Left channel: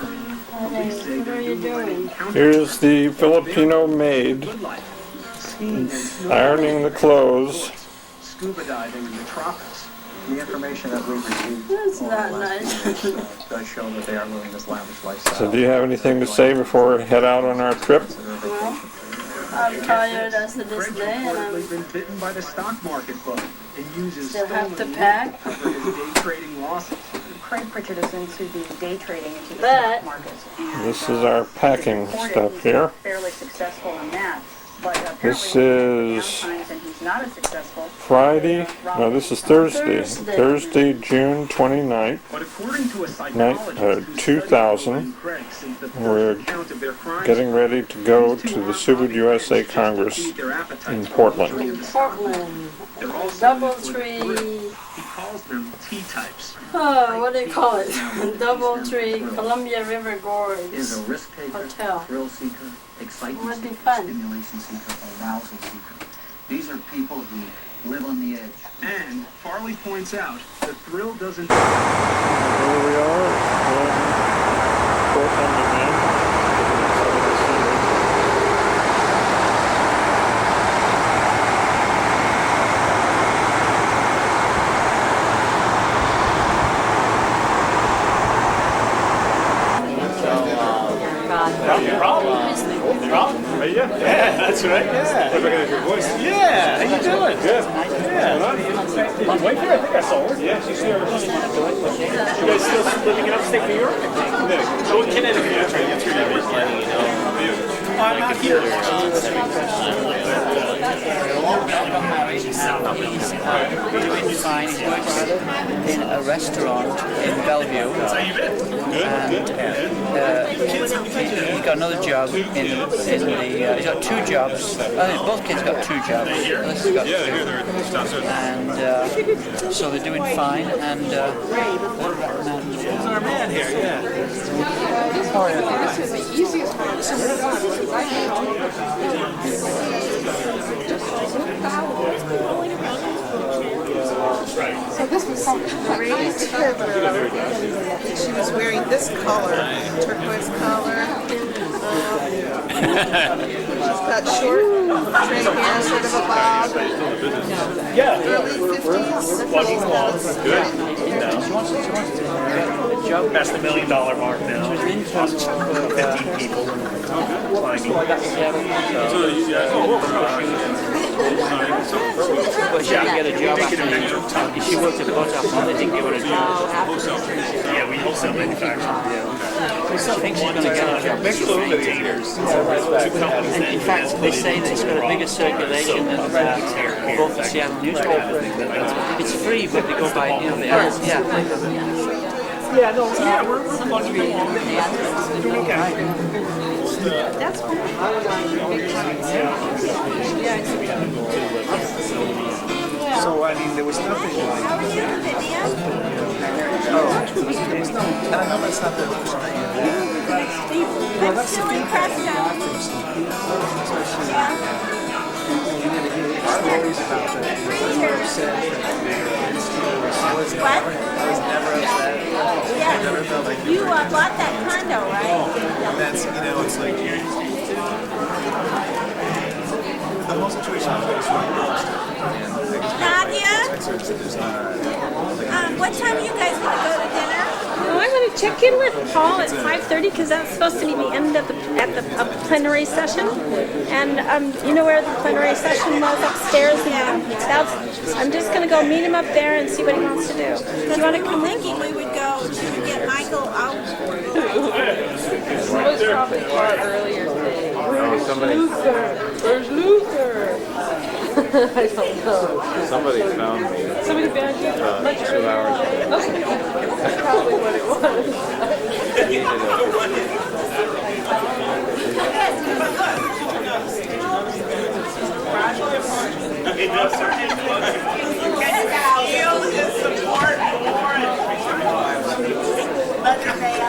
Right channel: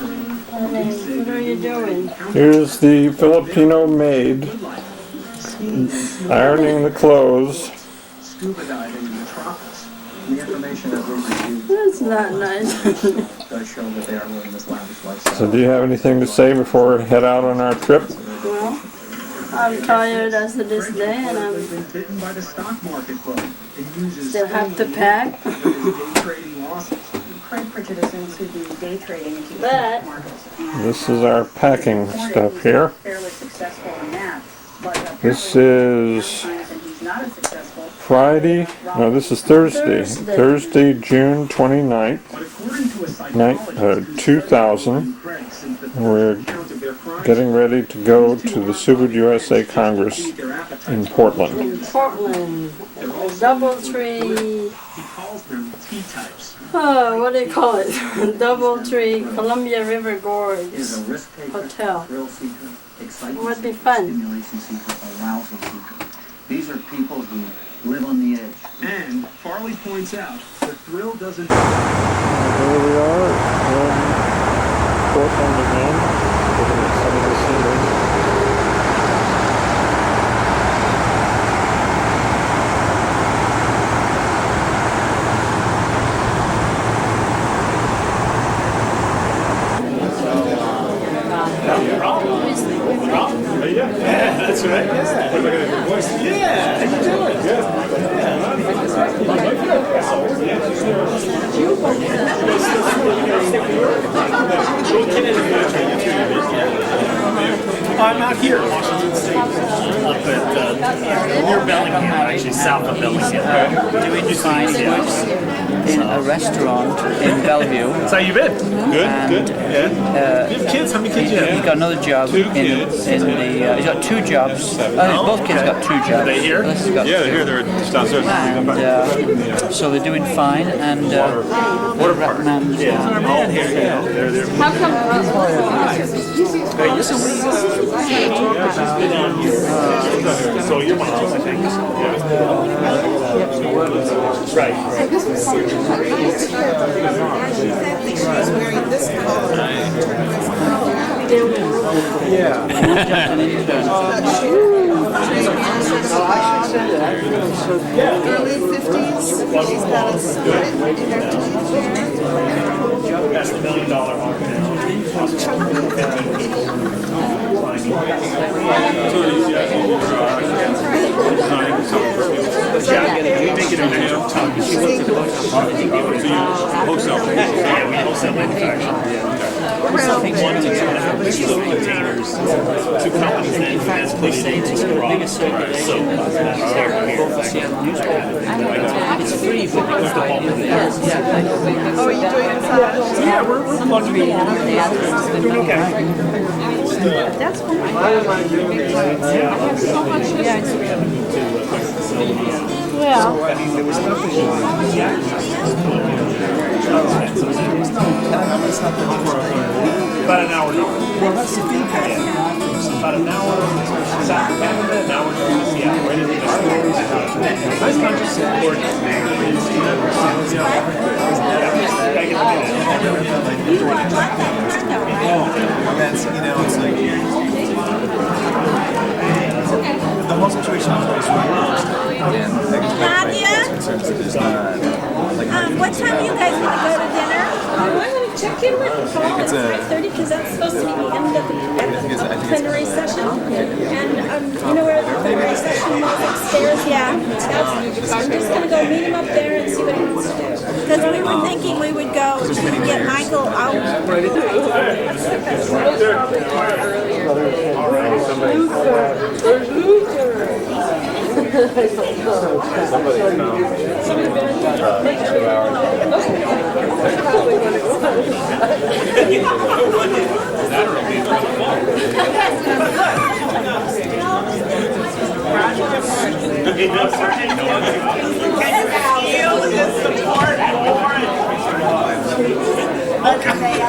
What are you doing? Here's the Filipino maid ironing the clothes. Scuba diving in the tropics. The information that we received That's not nice. does show that they are living this lavish lifestyle. So do you have anything to say before we head out on our trip? Well, I'm tired as of this day, and I been bitten by the stock market bug. It uses still have to pack. day trading losses. Craig Pritchard is into the day trading into the But- stock markets. And This is our packing stuff here. fairly successful in that. But This apparently is sometimes and he's not as successful. Friday. No, this is Thursday. Thursday, June 29th, But according to a psychologist 2000. We're getting ready to go to the Subud USA Congress in Portland. In Portland, Doubletree. he calls them T-types. Oh, what do you call it? Doubletree, Columbia River Gorge Is a risk taker, Hotel. thrill seeker, excitement Would be seeker, fun. stimulation seeker, arousal seeker. These are people who live on the edge. And Farley points out the thrill doesn't. Here we are in Portland again. Looking at some of the scenery. Yeah, that's right. Yeah. Look at your voice. Yeah, how you doing? Good. Yeah. You guys still living in upstate New York? Well, Connecticut. I'm out here in Washington State, up at near Bellingham, actually south of Bellingham. Doing fine. He works in a restaurant in Bellevue. So how you been? Good. Good. Yeah. You have kids? How many kids do you He have? got another job in the. He's got two jobs. Both kids got two jobs. Are they here? This has got Yeah, two. they're here. They're just downstairs. And so they're doing fine. And Water park. There's our man here. Yeah. So you're right. She's wearing this color, turquoise color. Got short, transparent sort of a bob. Early 50s. She's got a split hair That's the $1 million mark now. 15 people climbing. We make it a measure of ton. She worked at the hotel. I think they would have wholesale. Yeah, we wholesale manufacture. We're selling one to containers to companies that invest put it into the biggest circulation and hair it's free, but because the bulk of the ads. Yeah, we're plugging in. Doing okay. That's one of my big clients. Yeah, So, I mean, there was nothing. About an hour. Well, that's the feedback. About an hour. Stories about You bought that condo, right? That's, it's like the whole situation is always really interesting. And I guess Nadia? concerns that there's not What time are you guys going to go to dinner? I'm going to check in with Paul at 5:30 because that's supposed to be the end of the plenary session. And you know where the plenary session was upstairs? Yeah. I'm just going to go meet him up there and see what he wants to do. Because we were thinking we would go to get Michael out. Where's Luther? I don't know. Somebody been That's probably what it feel his support more. May I?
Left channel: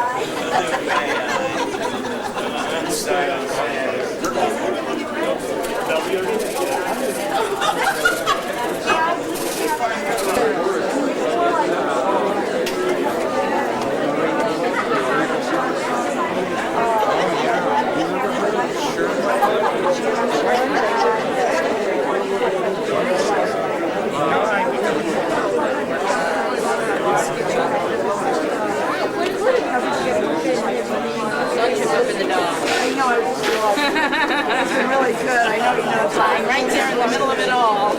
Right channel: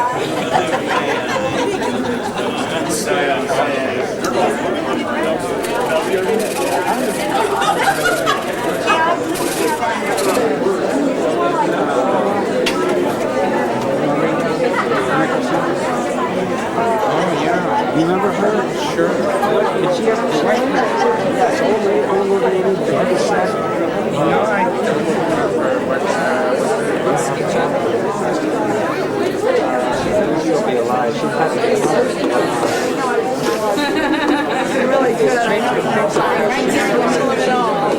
Really good. I know you're flying right there in the middle of it all.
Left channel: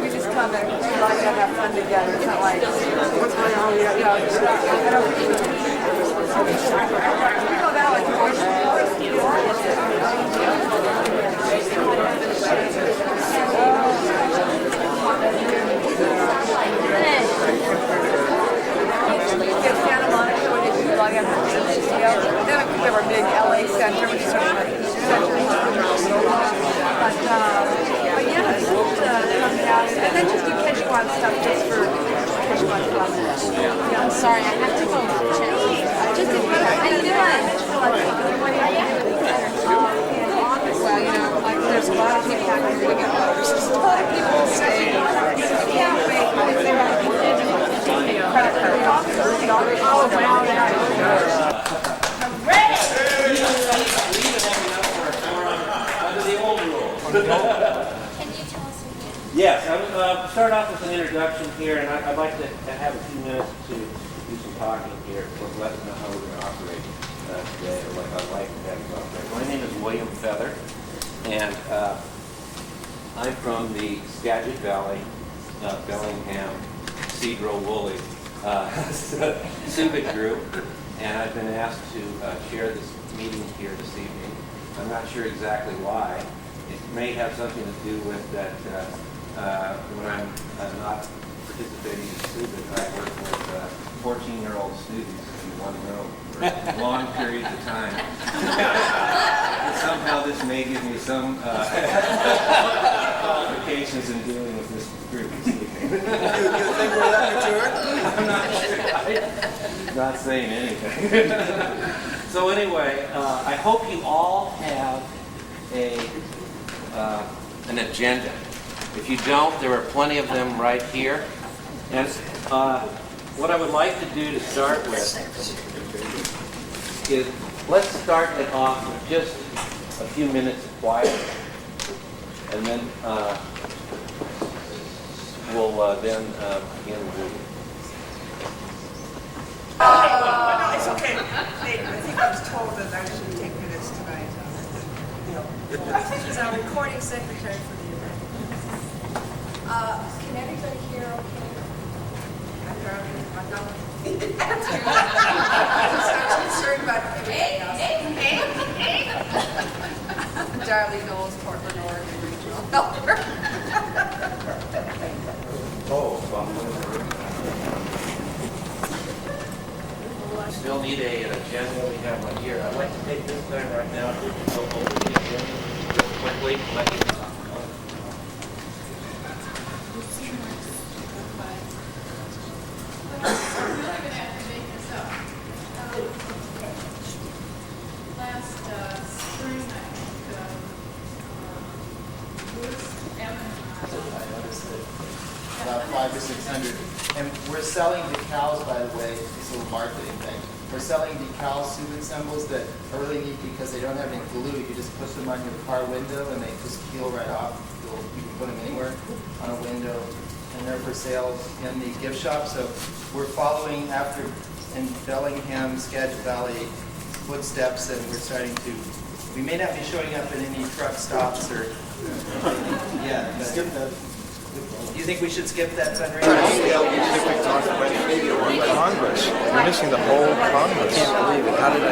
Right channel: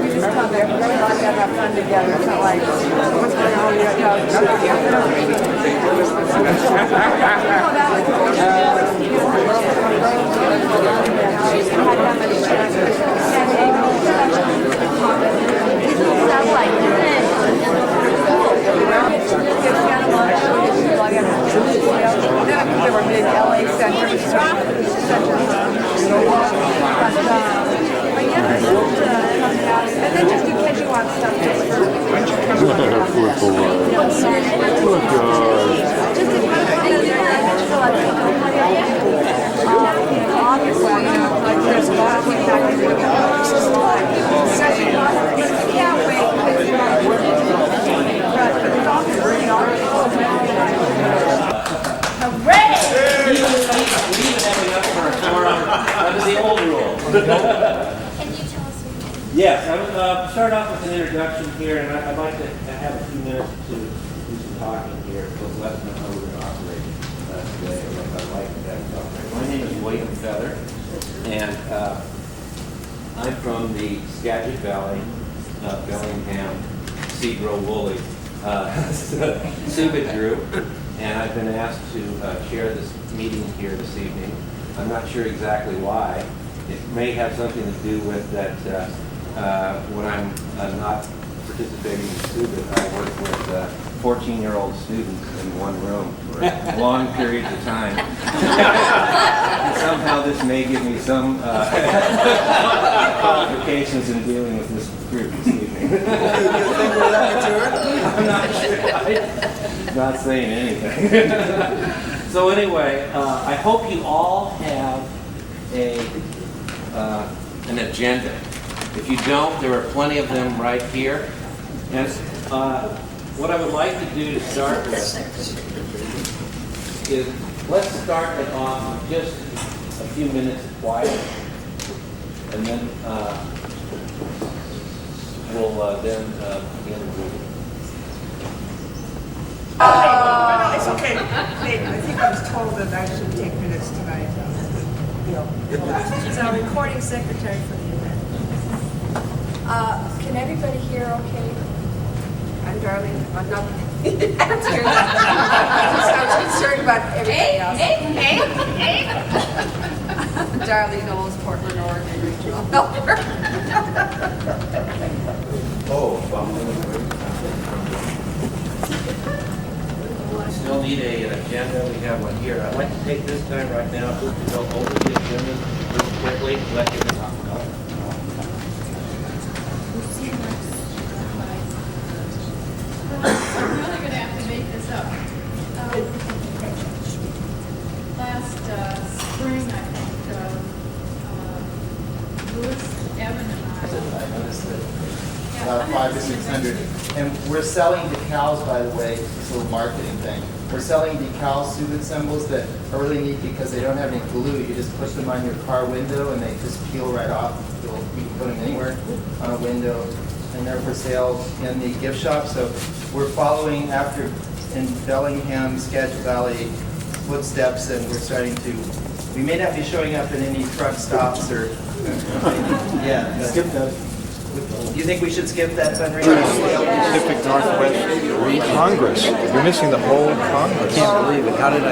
We just come there. Everybody have fun together. It's not like what's going on here. There were big LA center, which is center. But yeah, just coming out and then just do catching on stuff just for sorry. Just in front of well, you know, like there's a lot of people that are doing it. Yeah, wait. The old rule. Can you tell us Yes, I'll start off with an introduction here, and I'd like to have a few minutes to do some talking here to let them know how we're going to operate today, or what I'd like to have us operate. My name is William Feather, and I'm from the Skagit Valley, Bellingham, Cedro Woolley Subud group, and I've been asked to chair this meeting here this evening. I'm not sure exactly why. It may have something to do with that when I'm not participating in Subud, I work with 14-year-old students in one room for long periods of time. And somehow this may give me some qualifications in dealing with this group this evening. You think we're that mature? I'm not sure. I'm not saying anything. So anyway, I hope you all have an agenda. If you don't, there are plenty of them right here. And what I would like to do to start with is let's start it off with just a few minutes of quiet, and then we'll then begin with it. No, it's okay. I think I was told that I should take minutes tonight. She's our recording secretary for the event. Can everybody hear okay? I'm Darlene. I'm not. I'm concerned about everything else. Hey. Darlene Knowles, Portland, Oregon Regional Helper. Still need an agenda. We have one here. I'd like to take this time right now to go over the agenda real quickly, let you know. I'm really going to have to make this up. Last spring, I think, Louis, Evan, and I noticed that about 500 to 600. And we're selling decals, by the way, it's a little marketing thing. We're selling decal Subud symbols that are really neat because they don't have any glue. You just push them on your car window and they just peel right off. You can put them anywhere on a window. And they're for sale in the gift shop. So we're following after in Bellingham, Skagit Valley footsteps, and we're starting to, we may not be showing up in any truck stops or, yeah. Skip that. Do you think we should skip that fundraiser? Pacific Northwest Congress. You're missing the whole Congress. I can't believe it. How did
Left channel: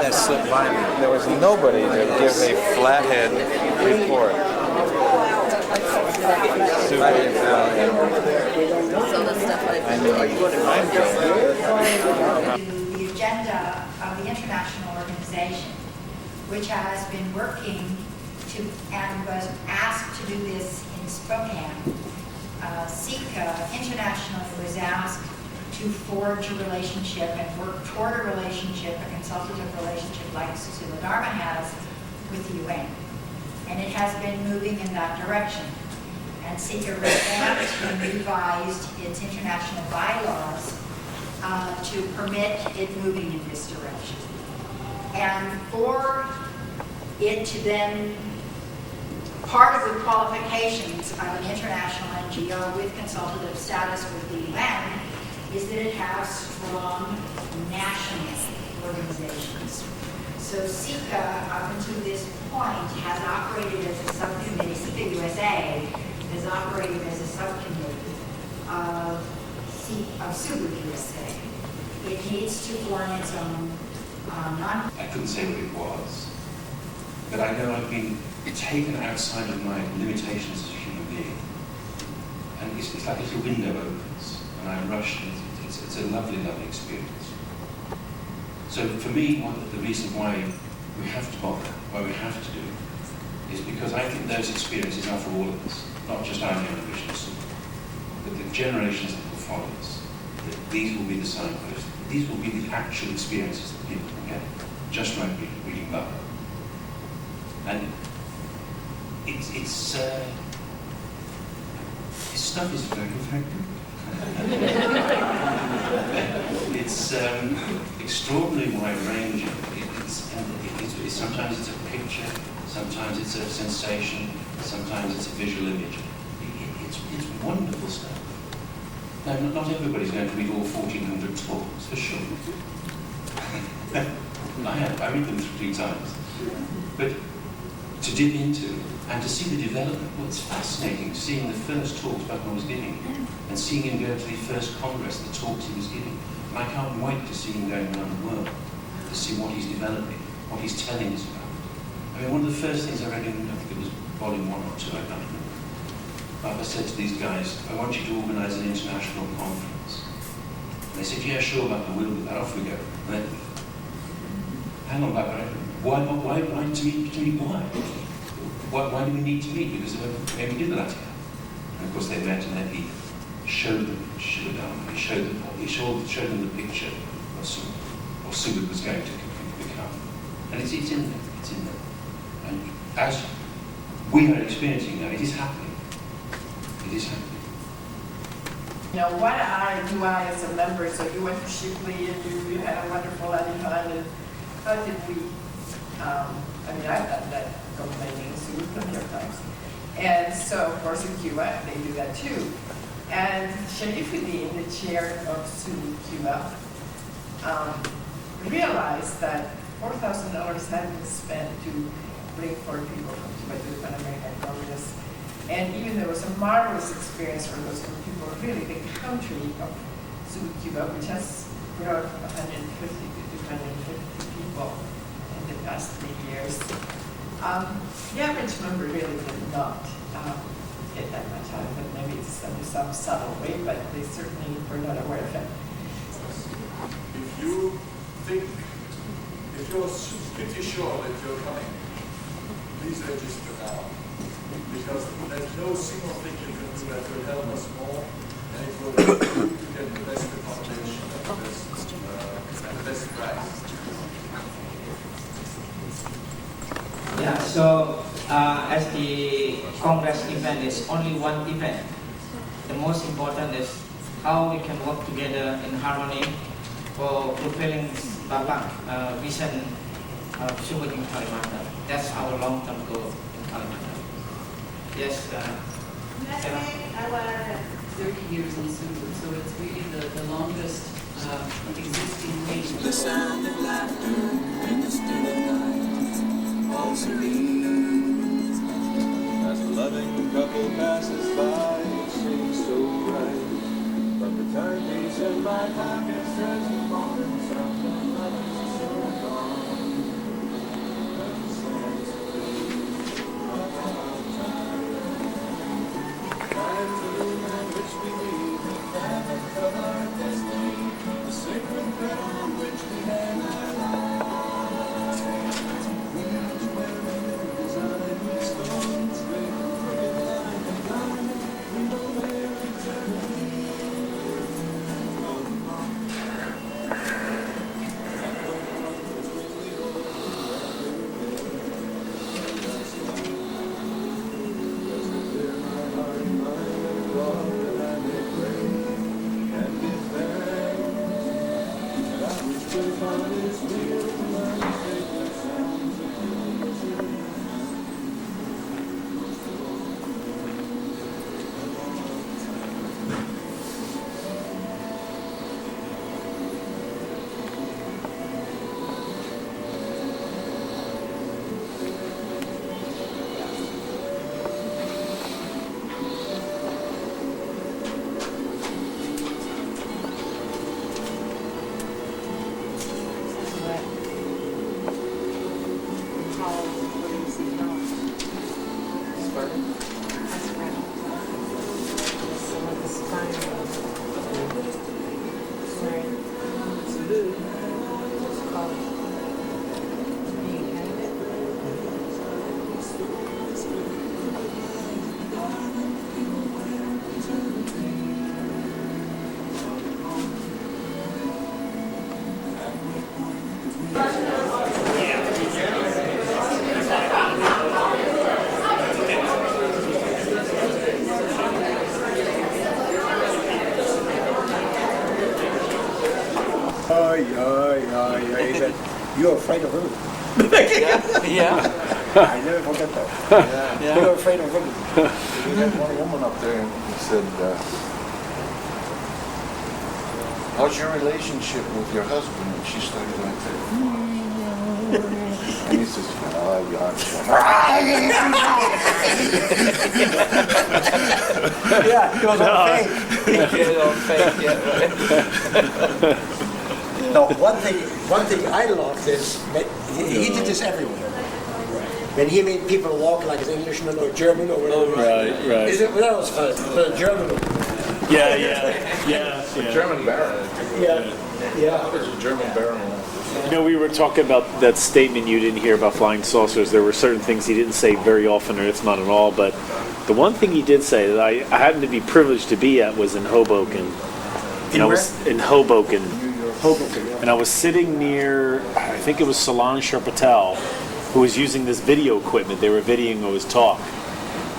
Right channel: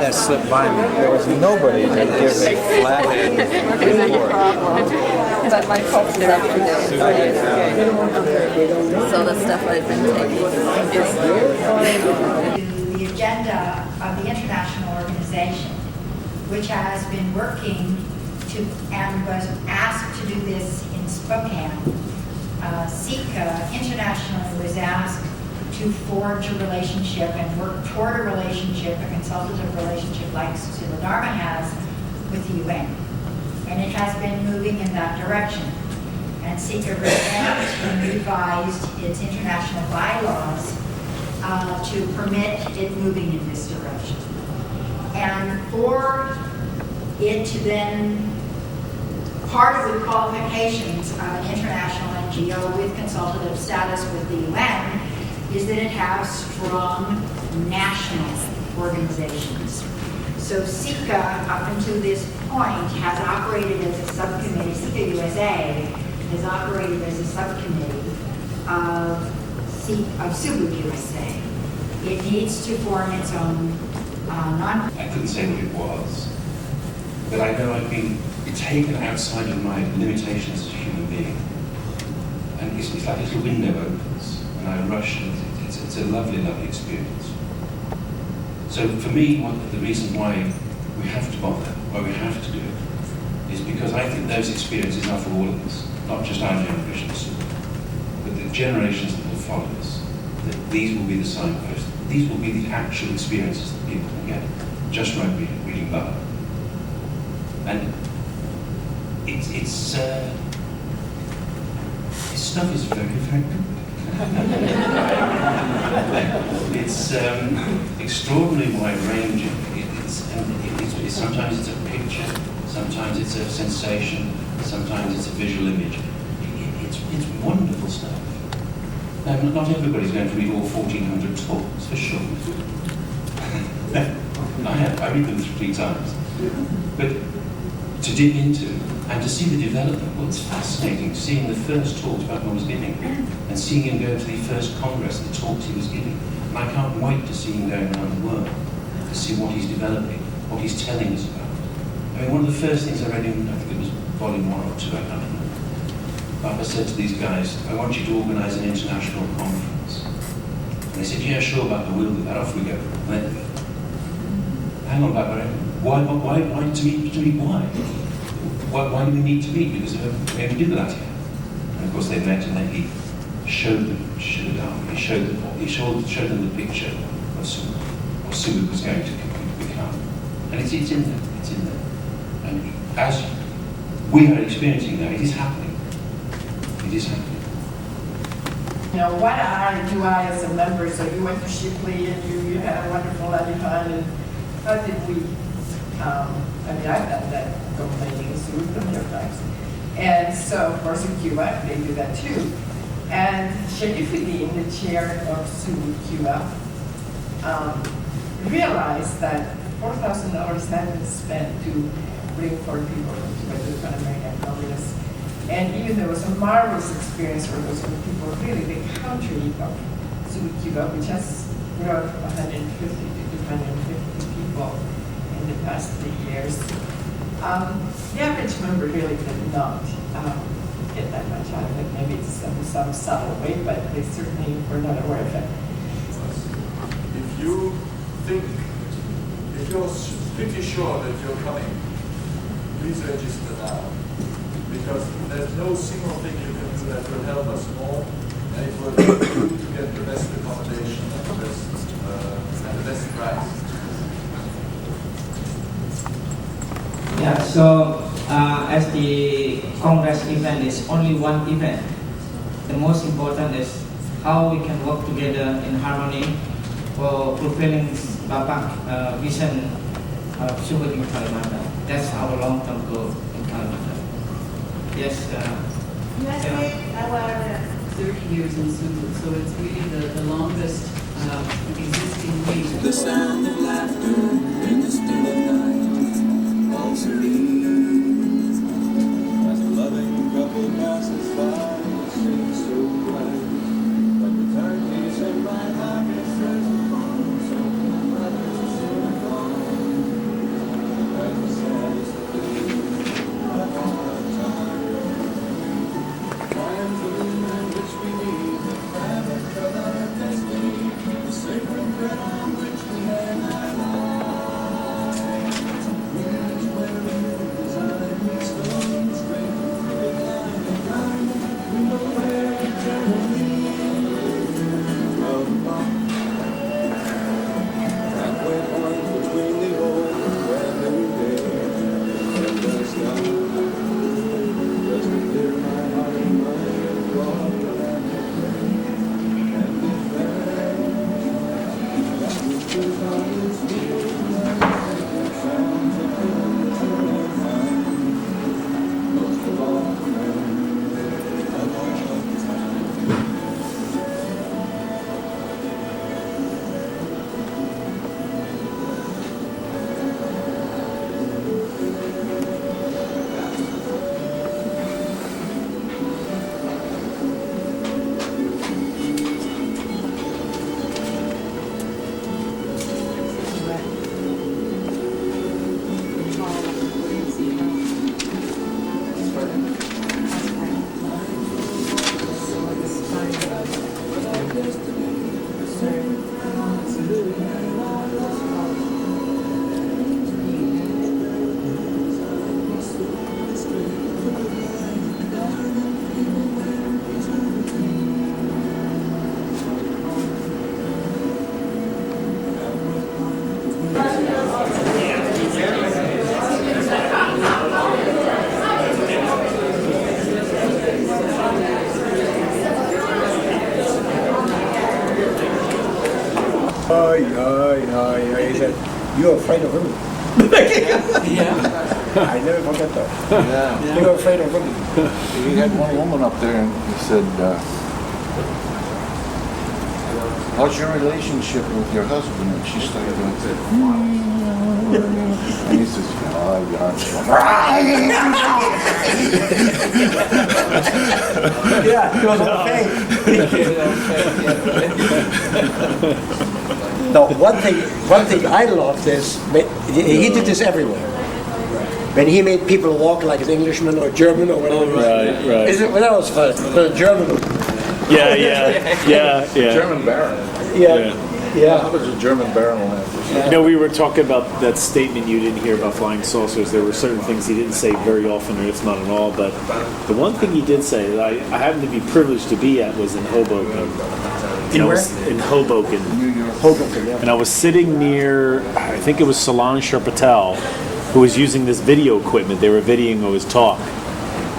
that slip by me? There was nobody to give a flathead report. So the stuff I've been taking. The agenda of the international organization, which has been working to and was asked to do this in Spokane. SICA internationally was asked to forge a relationship and work toward a relationship, a consultative relationship like Susila Dharma has with the UN. And it has been moving in that direction. And and Sika revamped and revised its international bylaws to permit it moving in this direction. And for it to then, part of the qualifications of an international NGO with consultative status with the UN is that it has strong national organizations. So Sika, up until this point, has operated as a subcommittee, Sika USA has operated as a subcommittee of Subud USA. It needs to form its own I couldn't say what it was, but I know I've been taken outside of my limitations as a human being. And it's like a little window opens, and I rush, and it's a lovely, lovely experience. So for me, the reason why we have to bother, why we have to do it, is because I think those experiences are for all of us, not just our generation, but the generations that will follow us. That these will be the signposts. These will be the actual experiences that people can get just by reading Baba. And this stuff is very, very good. It's extraordinarily wide-ranging. Sometimes it's a picture, sometimes it's a sensation, sometimes it's a visual image. It's wonderful stuff. Now, not everybody's going to read all 1,400 talks, for sure. I read them 3 times. But to dig into and to see the development, well, it's fascinating seeing the first talks Baba was giving and seeing him go to the first Congress, the talks he was giving. And I can't wait to see him going around the world, to see what he's developing, what he's telling us about. I mean, one of the first things I read in, I think it was volume 1 or 2, I can't remember. Baba said to these guys, I want you to organize an international conference. And they said, yeah, sure, Baba, we'll do that. Off we go. And then, hang on, Baba, why to meet why? Why do we need to meet? Because we only did that here. And of course they met, and then he showed them Shivadam. He showed them the picture of what Subud was going to become. And it's in there. It's in there. And as we are experiencing now, it is happening. It is happening. You know, what do I as a member? So you went to Shipley and you had a wonderful Adipad, and how did we? I mean, I've done that complaining in Subud plenty of times. And so, of course, in Cuba, they do that too. And Sharifuddin, the chair of Subud Cuba, realized that $4,000 had been spent to bring 4 people from Cuba to the Pan American Congress. And even though it was a marvelous experience for those people, really the country of Subud Cuba, which has brought 150 to 250 people in the past 3 years, the average member really did not get that much out of it. Maybe it's some subtle way, but they certainly were not aware of it. If you think, if you're pretty sure that you're coming, please register now. Because there's no single thing you can do that will help us more, and it will help you to get the best accommodation and the best price. Yeah, so as the Congress event is only one event, the most important is how we can work together in harmony for fulfilling Baba's vision of Subud in Kalimantan. That's our long-term goal in Kalimantan. Yes. Our 30 years in Subud, so it's really the longest existing wing. The sound of laughter in the still of night, all serene. As a loving couple passes by, it seems so bright. But the timepiece of my happiness says moments something others are gone. As the songs of the which we had our lives. Where He said, "You're afraid of women." Yeah. I never forget that. Yeah. You're afraid of women. We had one woman up there and he said, how's your relationship with your husband? And she started like that. And he says, Yeah, he was on fake. No, one thing I loved is, he did this everywhere. When he made people walk like an Englishman or German or whatever. Oh, right. Is it, when I was first, but a German. Yeah. German baron. Yeah. How does a German baron laugh? You know, we were talking about that statement you didn't hear about flying saucers. There were certain things he didn't say very often, or if not at all. But the one thing he did say that I happened to be privileged to be at was in Hoboken. In Hoboken. Hoboken, yeah. And I was sitting near, I think it was Solange Patel, who was using this video equipment. They were videoing his talk.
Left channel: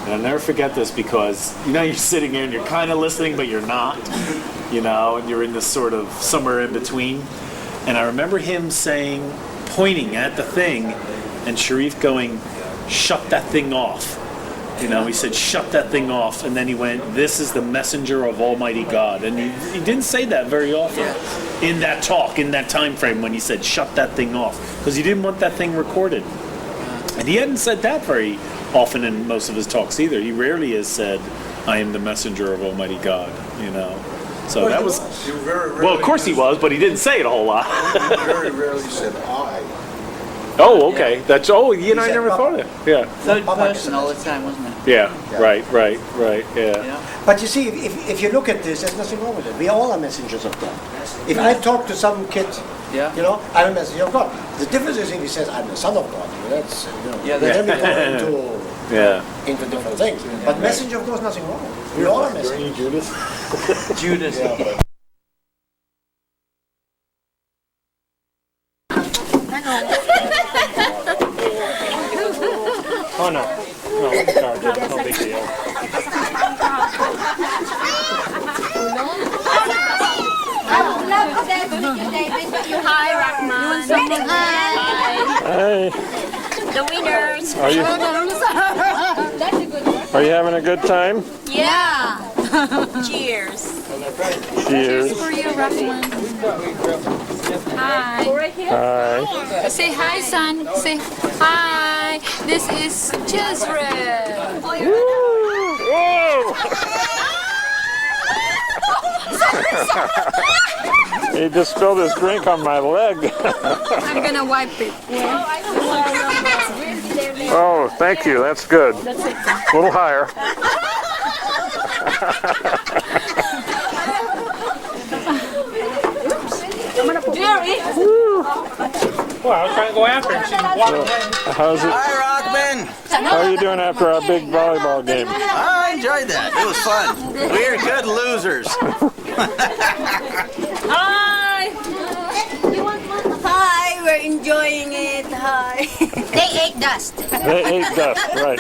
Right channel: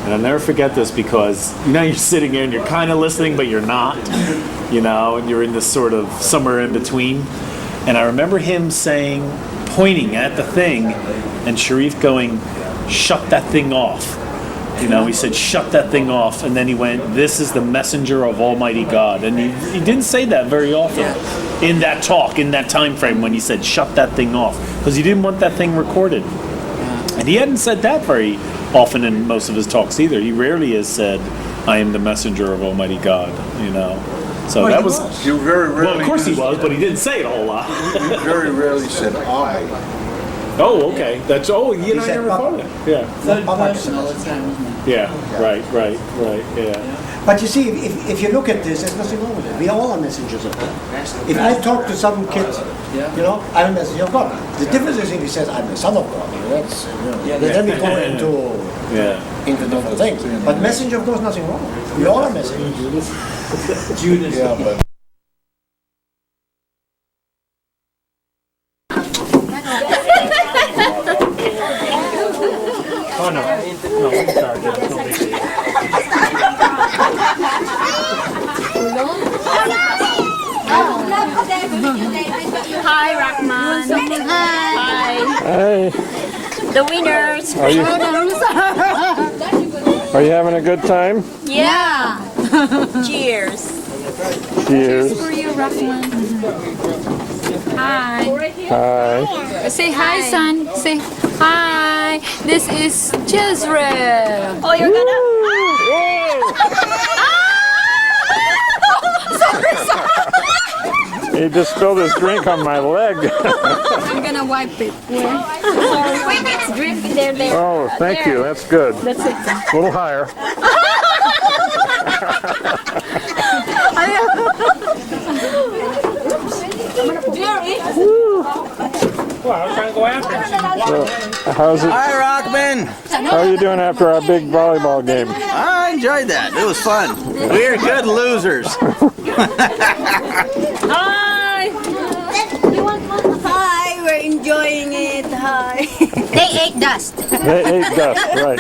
And I'll never forget this because, you're sitting there and you're kind of listening, but you're not, and you're in this sort of somewhere in between. And I remember him pointing at the thing, and Sharif going, "Shut that thing off." He said, "Shut that thing off." And then he went, "This is the messenger of Almighty God." And he didn't say that very often in that talk, in that time frame when he said, "Shut that thing off," because he didn't want that thing recorded. And he hadn't said that very often in most of his talks either. He rarely has said, "I am the messenger of Almighty God," So that was... You very rarely... Well, of course he was, but he didn't say it a whole lot. You very rarely said I. Oh, okay. I never thought of that. Yeah. Third person all the time, wasn't it? Yeah. Right, yeah. But you see, if you look at this, there's nothing wrong with it. We all are messengers of God. If I talk to some kid, I'm a messenger of God. The difference is if he says, "I'm the son of God," that's, then we go into different things. But messenger of God is nothing wrong. We all are messengers. Judas. Yeah, but... Oh, no, sorry, no big deal. Hi, Rahman. Hi. Hey, The winners. are you having a good time? Yeah. Cheers. Cheers. For you, Rahman. Hi. Hi. Say hi, son. Say hi. This is Jezreel. Oh, you're He just spilled his drink on my leg. I'm gonna wipe it. Oh, thank you. That's good. That's it. A little higher. Well, I was trying to go after him. So, how's it? Hi, Rockman. How are you doing after our big volleyball game? I enjoyed that. It was fun. We're good losers. Hi. Hi, we're enjoying it. Hi. They ate dust. They ate dust, right.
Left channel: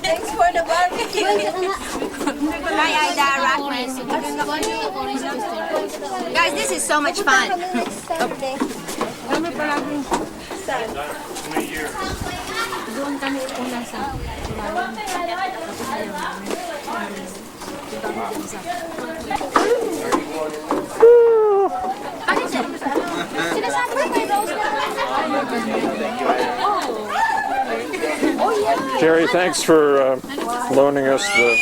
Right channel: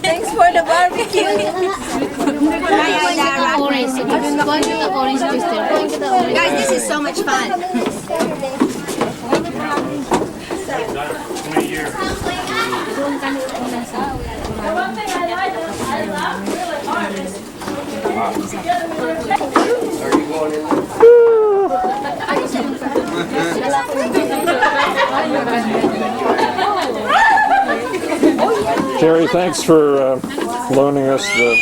Thanks for the barbecue. Hi, Aida, guys, this is so much fun. Jerry, thanks for loaning us the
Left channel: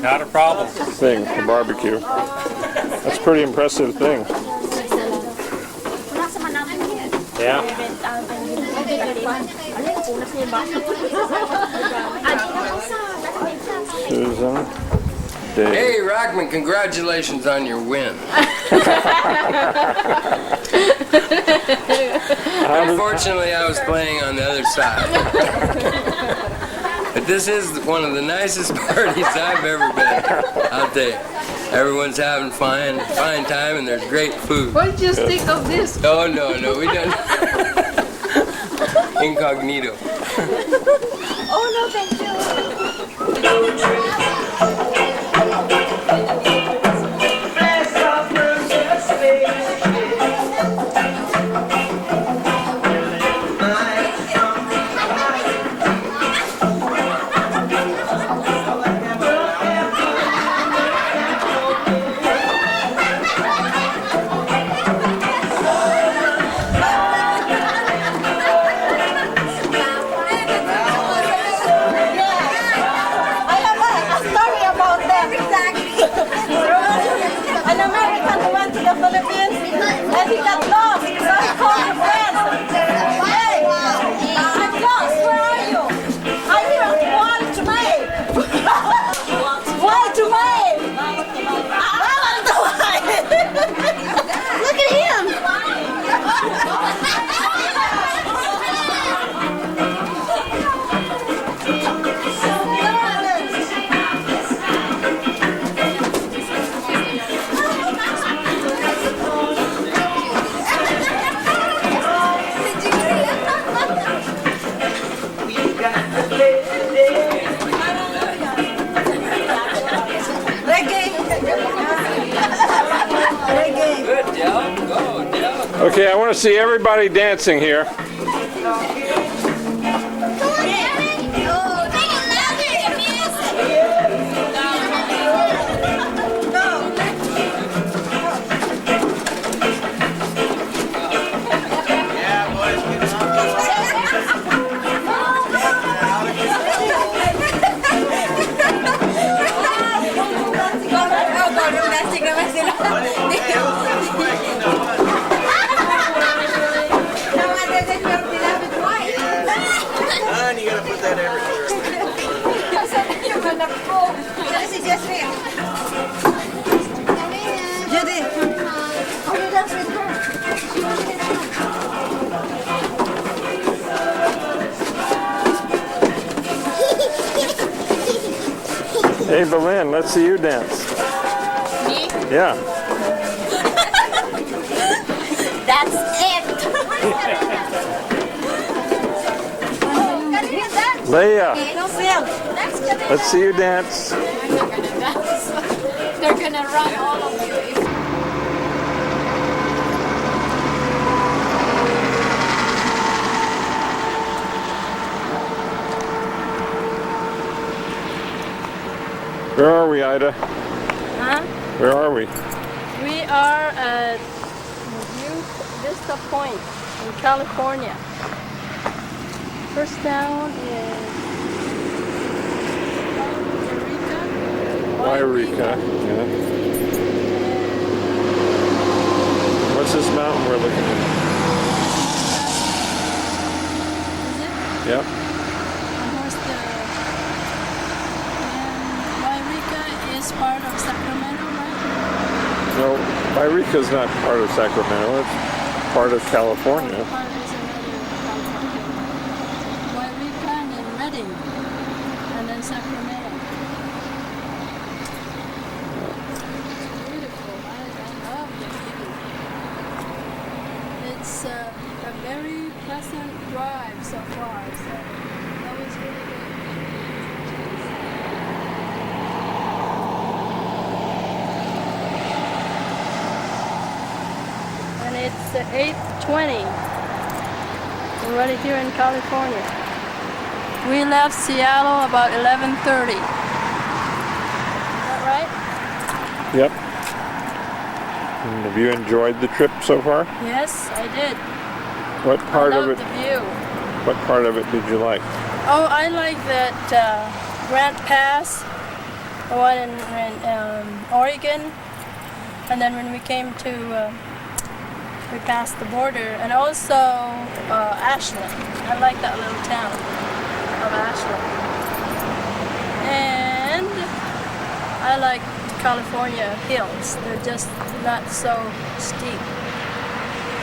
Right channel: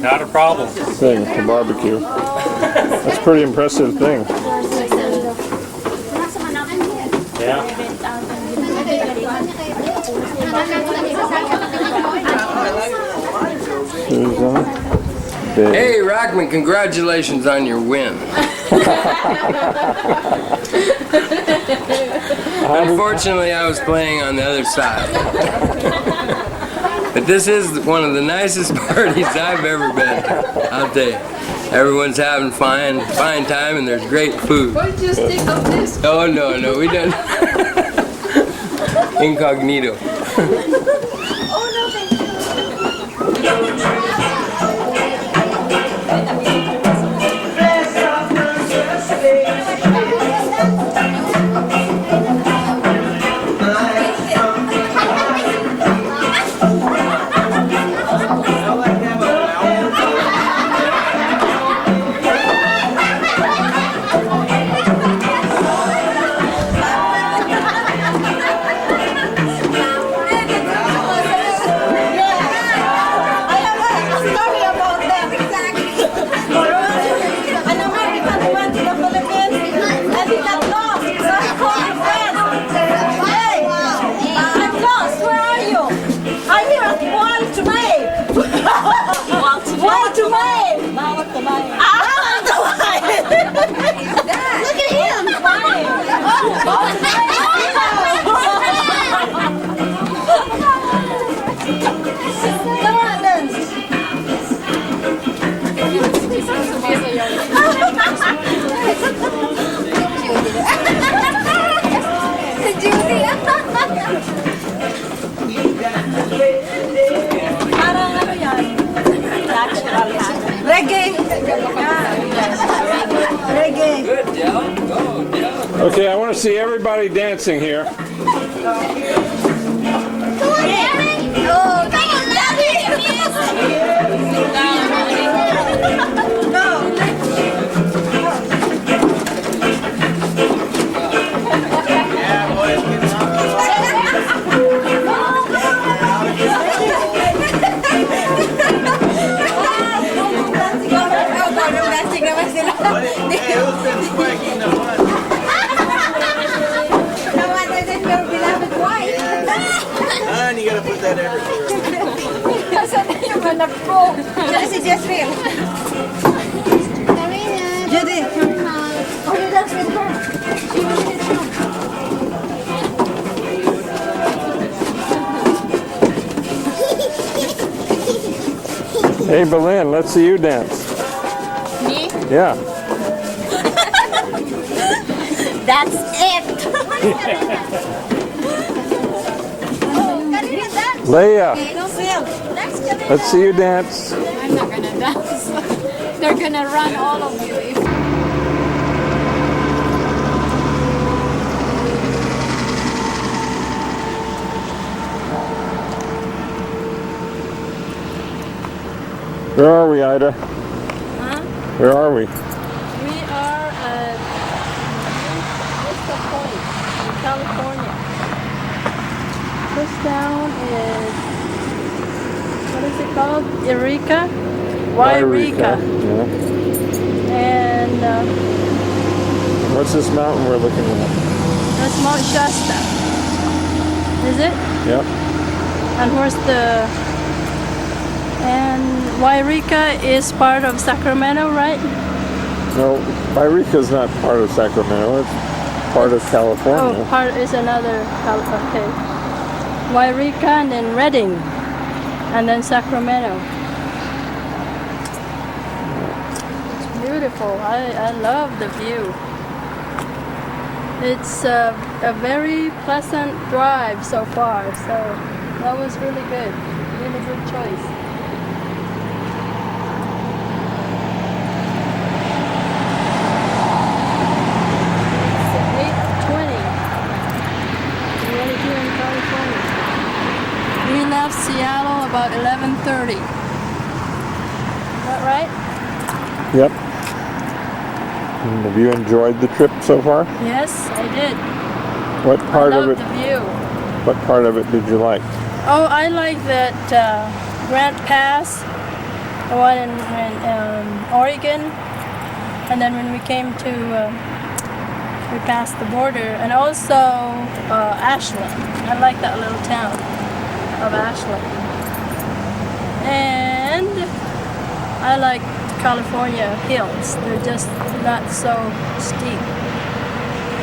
Not a problem. thing, the barbecue. That's a pretty impressive thing. Yeah. Susan. Dave. Hey, Rockman, congratulations on your win. Unfortunately, I was playing on the other side. But this is one of the nicest parties I've ever been to. I'll tell you. Everyone's having fine time, and there's great food. Why did you stick of this? Oh, no, we don't. Incognito. Oh, no, thank you. Okay, I want to see everybody dancing here. And you gotta put that everywhere. You're gonna pull. This is just real. Judy. Oh, you dance with her. She was with Hey, Belen, let's see you dance. Me? Yeah. That's it. Leia, let's see you dance. I'm not gonna dance. They're gonna run all of you. Where are we, Ida? Huh? Where are we? We are at Vista Point in California. First town is, what is it called? Eureka? Wairika. Yeah. And What's this mountain we're looking at? that's Mount Shasta. Is it? Yep. And where's the... And Wairika is part of Sacramento, right? No, Wairika's not part of Sacramento. It's part of California. Oh, part is another, okay. Wairika and then Redding, and then Sacramento. It's beautiful. I love the view. It's a very pleasant drive so far, so that was really good. Really good choice. It's 8:20. We're right here in California. We left Seattle about 11:30. Is that right? Yep. And have you enjoyed the trip so far? Yes, I did. What part I of loved it? the view. What part of it did you like? Oh, I like that Grant Pass, the one in Oregon, and then when we came to, we passed the border, and also Ashland. I like that little town of Ashland. And I like California hills. They're just not so steep.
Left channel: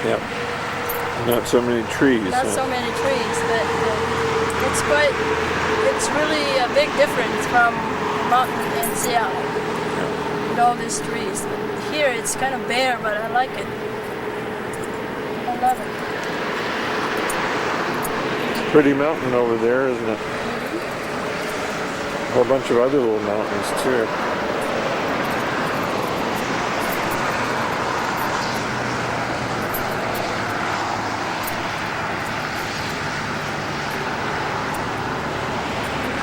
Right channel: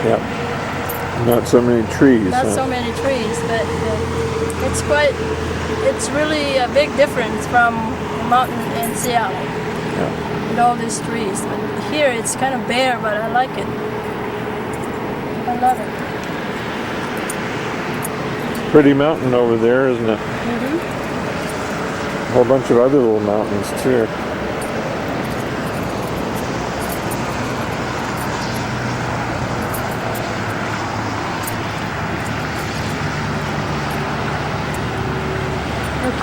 Yep. Not so many trees. Not so many trees, but it's really a big difference from the mountain in Seattle. Yeah. With all these trees. But here it's kind of bare, but I like it. I love it. It's a pretty mountain over there, isn't it? Mm-hmm. A whole bunch of other little mountains too.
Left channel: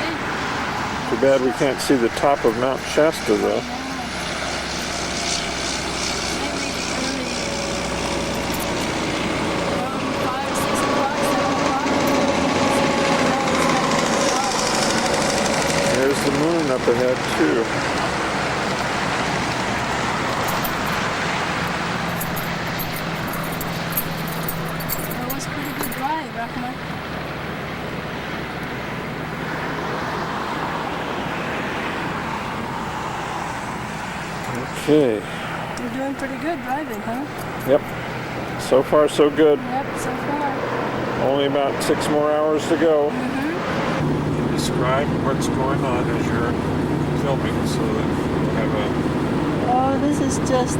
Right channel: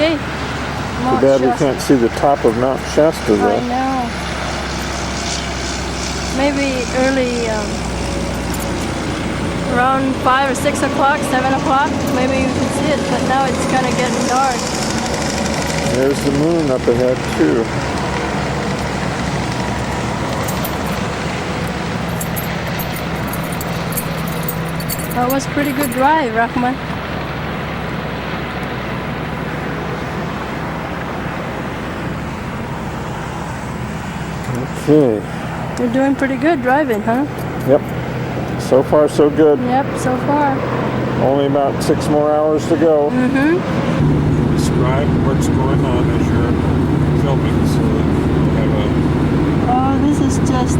Okay. Too bad we can't see the top of Mount Shasta though. I know. Maybe early, around 5 or 6 o'clock, 7 o'clock, maybe you can see it, but now it's kind of getting dark. There's the moon up ahead too. That was a pretty good drive, Rahman. Okay. You're doing pretty good driving, huh? Yep. So far, so good. Yep, so far. Only about 6 more hours to go. Mm-hmm. Describe what's going on as you're filming so that you have a... Oh, this is just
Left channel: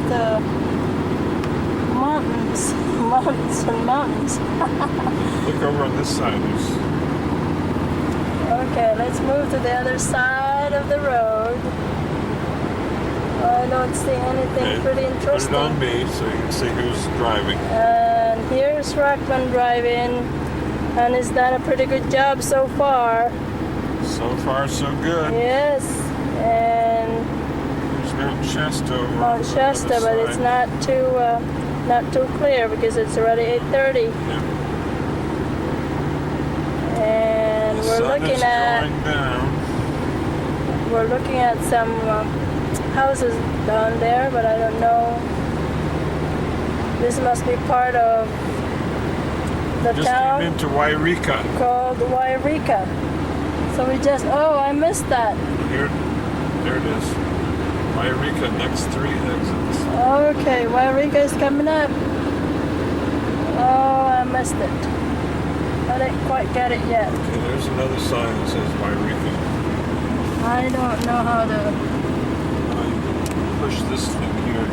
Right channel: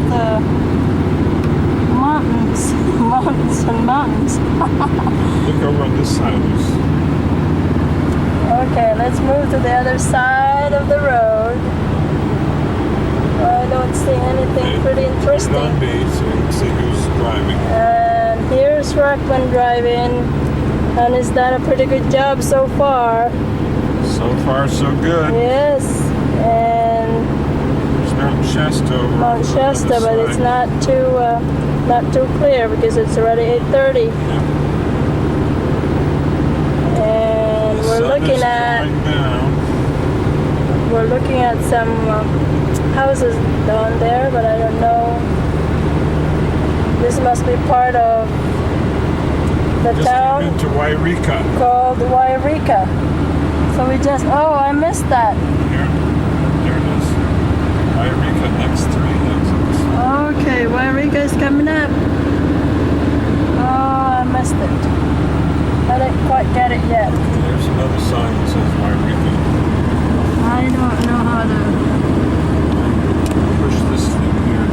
mountains. Mountains and mountains. Look over on this side. Okay, let's move to the other side of the road. I don't see anything pretty interesting. Put it on me so you can see who's driving. And here's Rockman driving, and he's done a pretty good job so far. So far, so good. Yes, and there's Mount Shasta over Mount Shasta, but it's not too clear because it's already 8:30. Yep. And we're looking at some houses down there, but I don't know. This must be part of the town into Wairika. Called Wairika. So we just, oh, I missed that. Here, there it is. Wairika, next 3 exits. Okay, Wairika is coming up. Oh, I missed it. I didn't quite get it yet. Okay, there's another sign that says Wairika. I don't know how to push this thing here.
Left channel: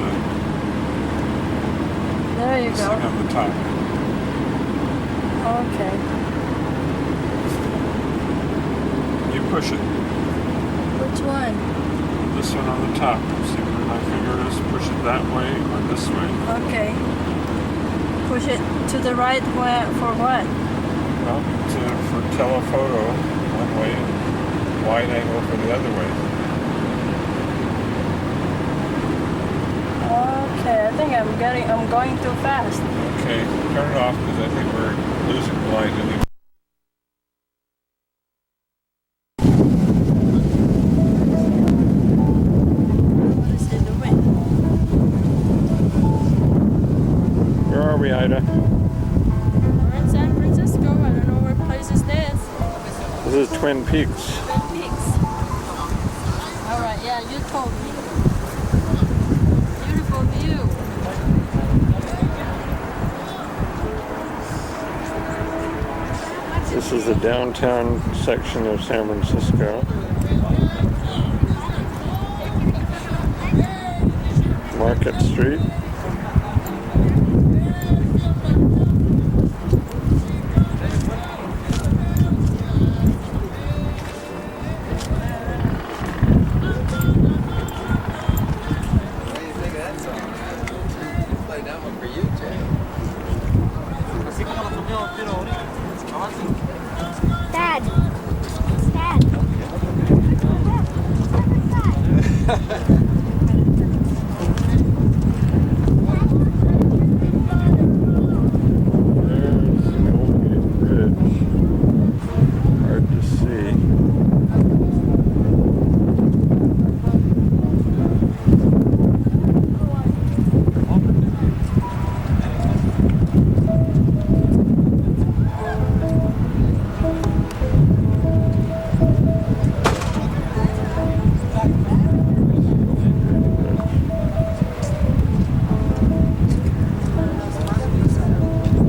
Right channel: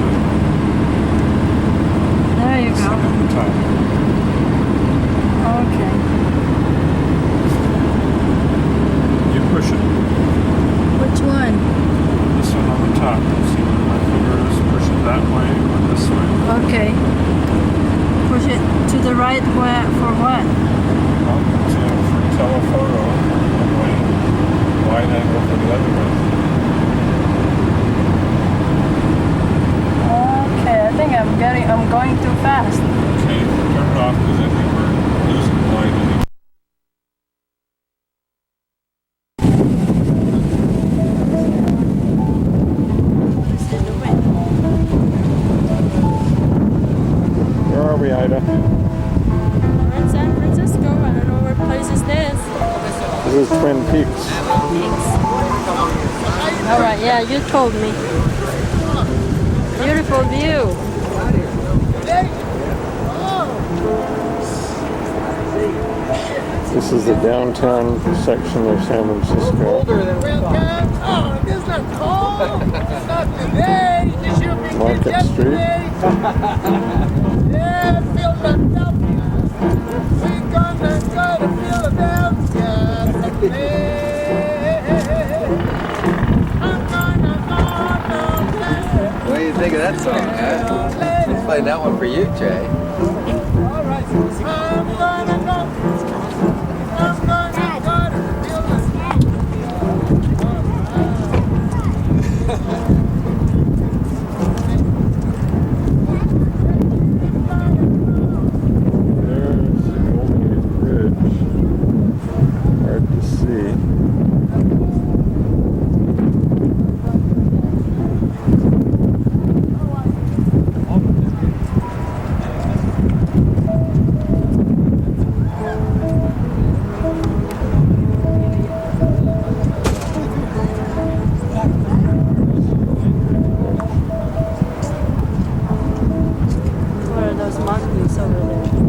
There you go. Up the top. Okay. You push it. Which one? This one on the top. See where my finger is? Push it that way or this way. Okay. Push it to the right for what? Well, for telephoto one way, wide angle for the other way. Okay, I think I'm going too fast. Okay, turn it off because I think we're losing light anyway. What is he doing? Where are we, Ida? We're in San Francisco. I don't know what place is this. This is Twin Peaks. Twin Peaks. All right, yeah, you told me. Beautiful view. This is the downtown section of San Francisco. Market Street. What do you think of that song, huh? Let's play that one for you, Jay. There's the Golden Gate Bridge. Hard to see. those monkeys over there.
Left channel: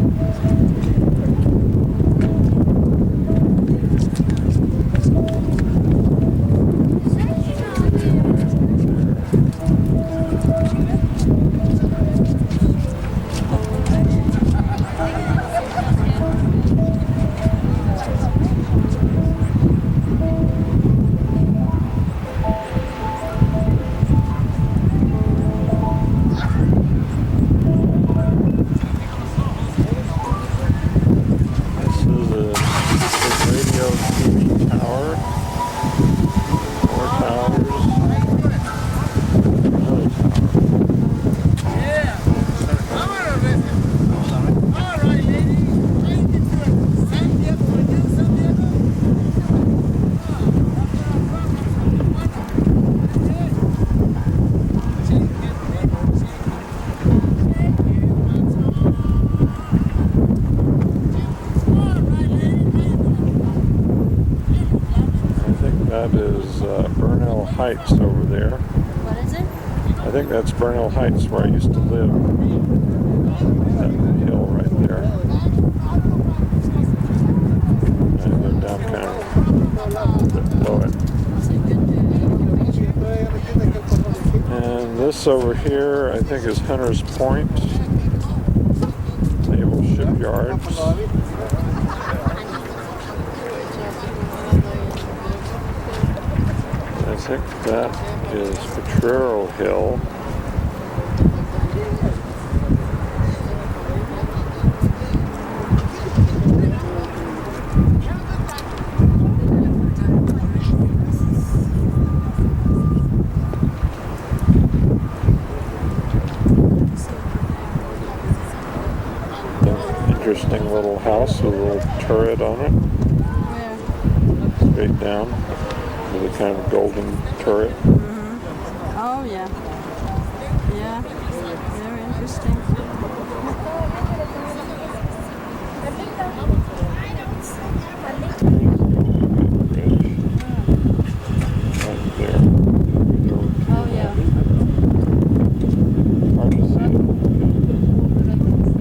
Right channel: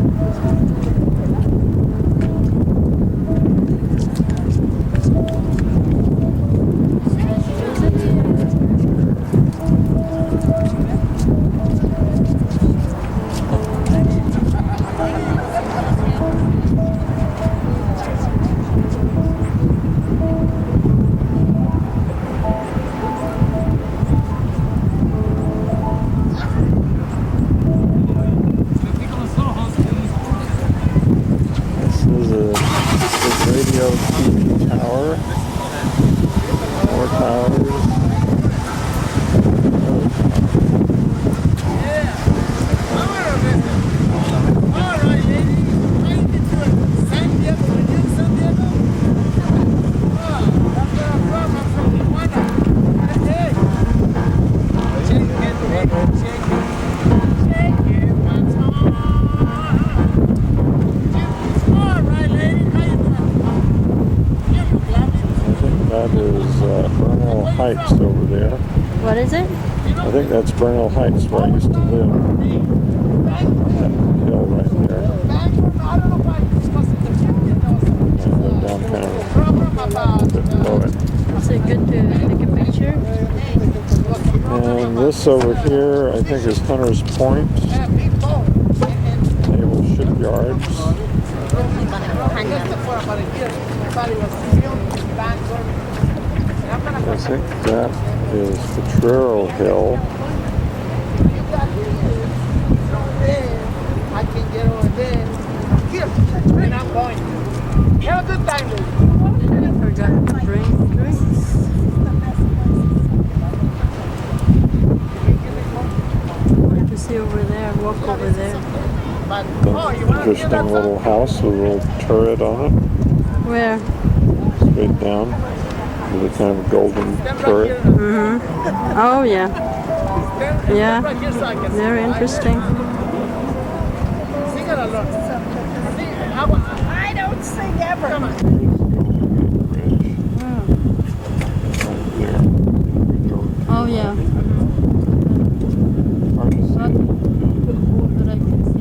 This is a radio TV tower. More towers. Another tower. All right, ladies. How you doing? San Diego, were you in San Diego? Oh, that's where I'm from. I'm from Tijuana. Hey. Shake it, baby. Shake it. Shake it, my tongue. All right, ladies. How you doing? I think that is Burnell Heights over there. What is it? I think that's Burnell Heights, where I used to live. That hill right there. And I live down kind of a little bit below it. Is it good to take a picture? And this over here, I think, is Hunters Point Naval Shipyards. I think that is Potrero Hill. I can get on there. And I'm going. Have a good time. I forgot to bring drinks. You see over there, walk over there. An interesting little house with a little turret on it. Where? Straight down. With a kind of golden turret. Mm-hmm. Oh, yeah. Yeah. Very interesting. I don't sing ever. Here's the Golden Gate Bridge. Right there. It goes over to Oh, the yeah. left. Hard to see it. But I can see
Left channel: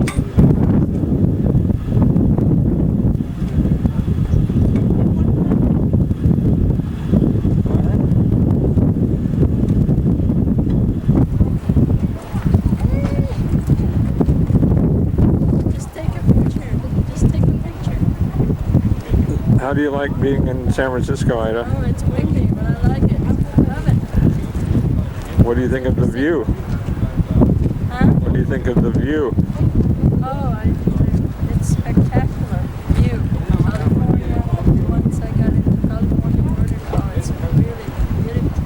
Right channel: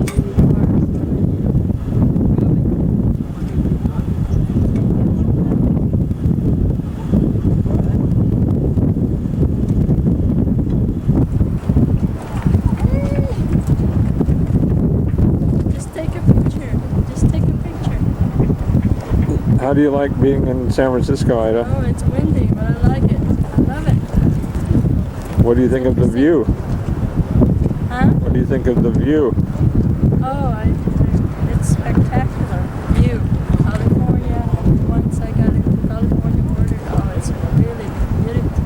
Just take a picture. Just take a picture. How do you like being in San Francisco, Ida? Oh, it's windy, but I like it. I love it. What do you think of the view? Huh? What do you think of the view? Oh, it's spectacular view. California. Once I got into California border, oh, it's really beautiful.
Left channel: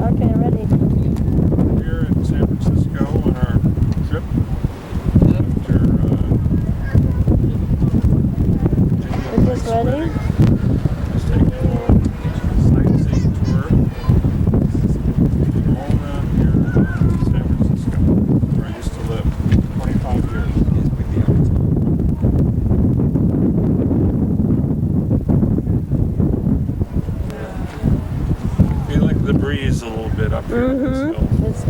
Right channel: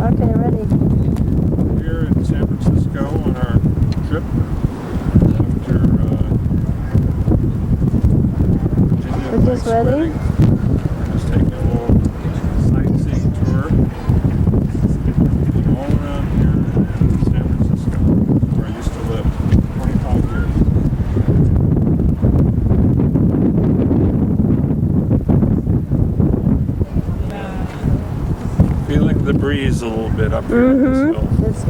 Okay, ready. We're here in San Francisco on our trip after Virginia. We're just ready? Wedding. We're just taking a little sightseeing tour. And all around here in San Francisco, where I used to live 25 years. Feeling the breeze a little bit up here on this hill. It's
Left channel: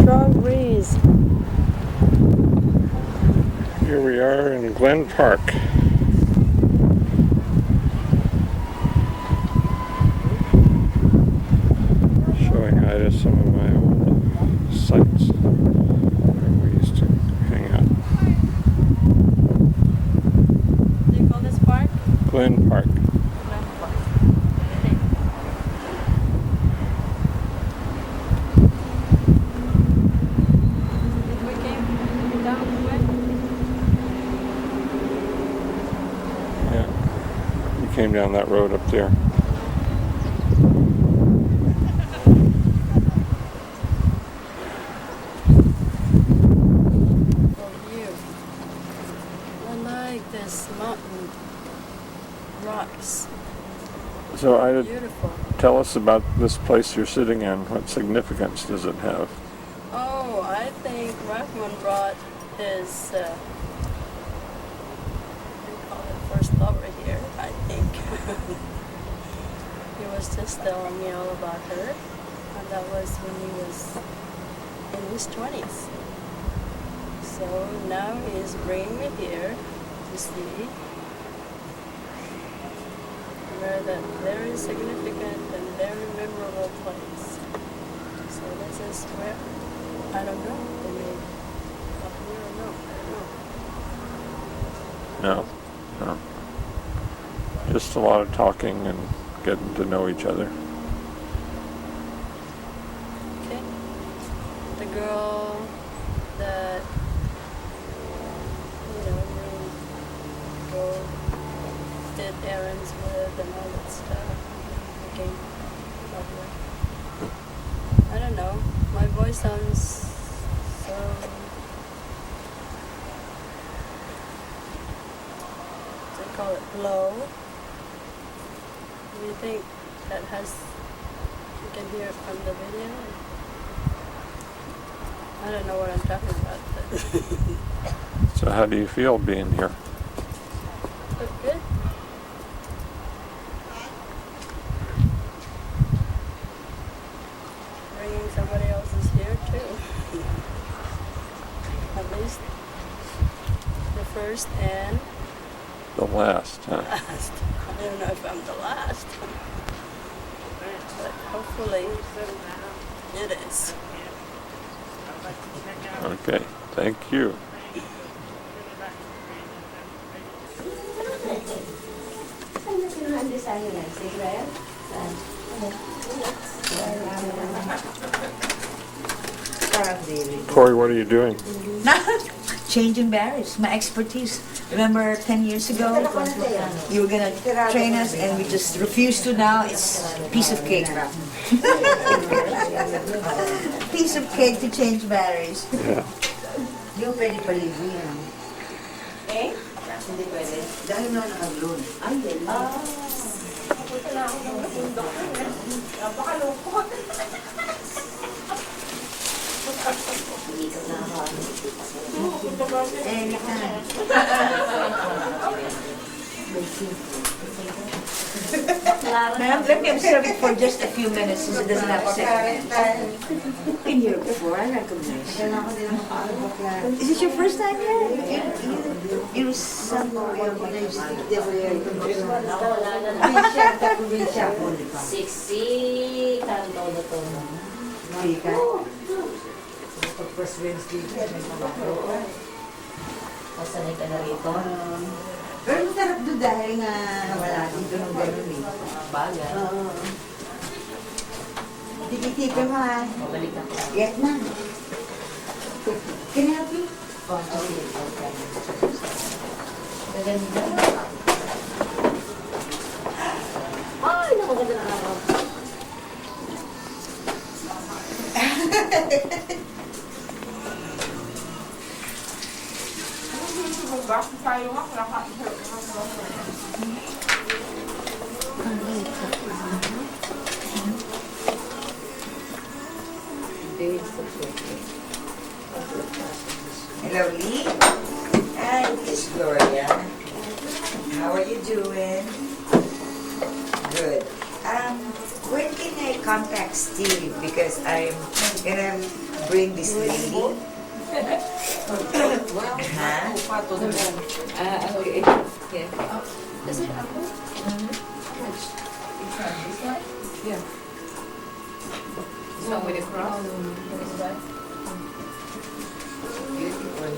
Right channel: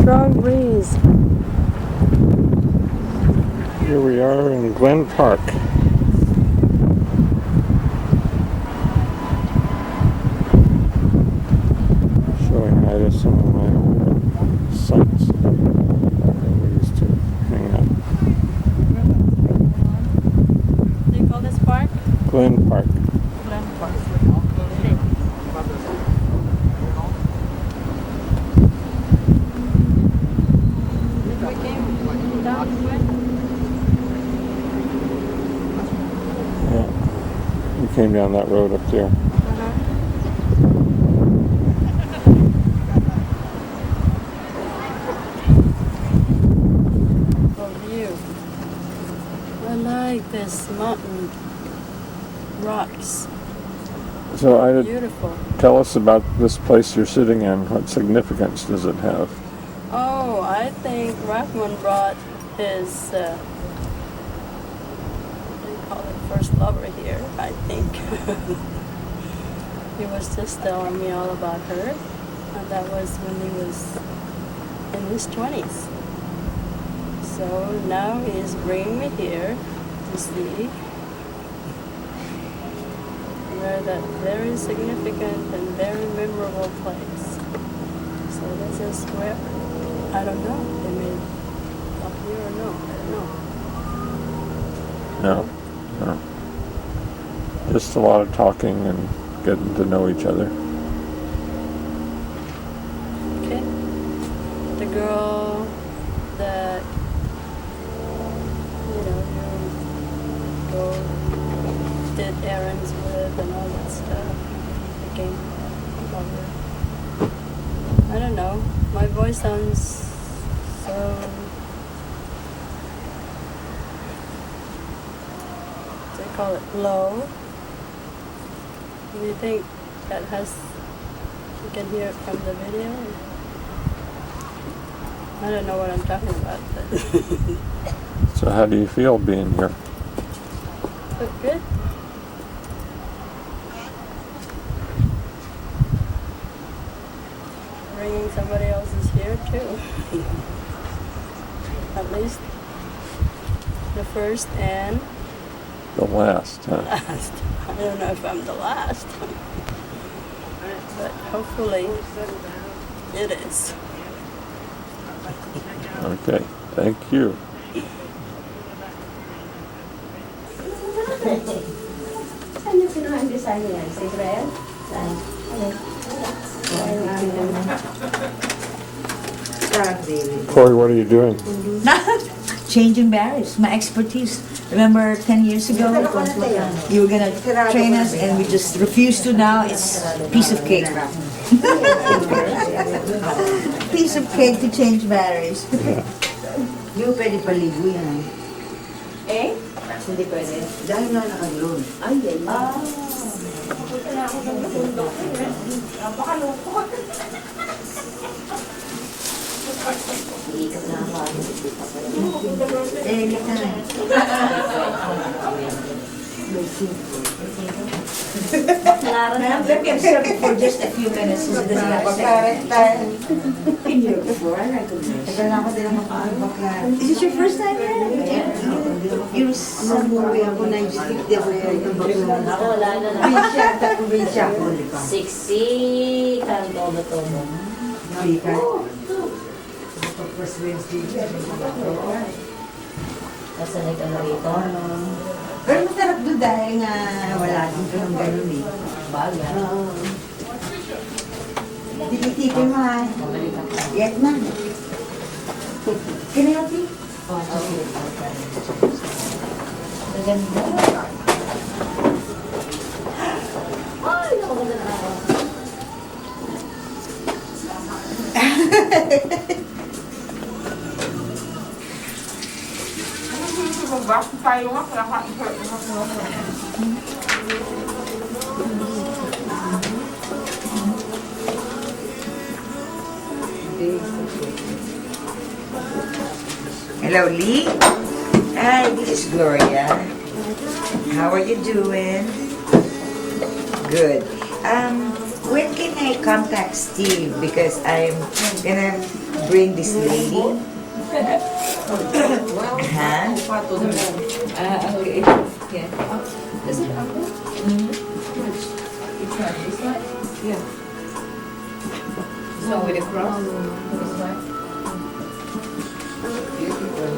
strong breeze. Here we are in Glen Park. Showing Ida some of my old sites where we used to hang out. Do you call this park? Glen Park. Glen Park. Ready. We came down way. Yeah. We came down that road up there. View. I like this mountain rocks. So Ida, Beautiful. tell us about this place you're sitting in. What significance does it have? Oh, I think Rahman brought his, what do you call it, first lover here, I think. He was just telling me all about her. And that was when he was his 20s. So now he's bringing me here to see where that very significant and very memorable place. So this is where, I don't know, they may up here or no, I don't know. No, no. Just a lot of talking and getting to know each other. Okay. The girl that, you go, did errands with and all that stuff, became a lover. I don't know, my voice sounds so, they call it low. Do you think that you can hear it from the video? I don't know what I'm talking about, but So how do you feel being here? good. Bringing somebody else's here too. At least the first and The last, huh? last. I don't know if I'm the last, but hopefully it is. Okay, thank you. Corey, what are you doing? Changing barriers, my expertise. Remember 10 years ago, you were going to train us and we just refused to. Now it's a piece of cake. Piece of cake to change batteries. Yung pwede paligo yan. Eh? Hindi pwede. Dahil na naka-glue. Ay, yan. Papunta na ako ng bundok. Napakalungkot. Iikot na ako. Eh, iikot na. Ma'am, let me observe it for just a few minutes. So it doesn't have In Europe before, I recognize. Is it your first time here? You Umuwi ako na yung stick there where probinsya ako. Siksi, kanto-todo. First Wednesday. Kasanay ka na rito. Pero masarap doon dahil nga wala dito ng ganun eh. Bagay. Titipin mo ha. Yes na. Can I help you? Okay. Maganda. Ay, napaganda na ako. Bakit tayo nga, nakain ka. Hello, Lee. Hi, this is Gloria. How are you doing? Good. When can I contact Steve? Because I'm gonna bring this lady. Well, okay. Yeah. Is it apple? Which one? This one? Yeah. This one with a cross? This one? Beautiful.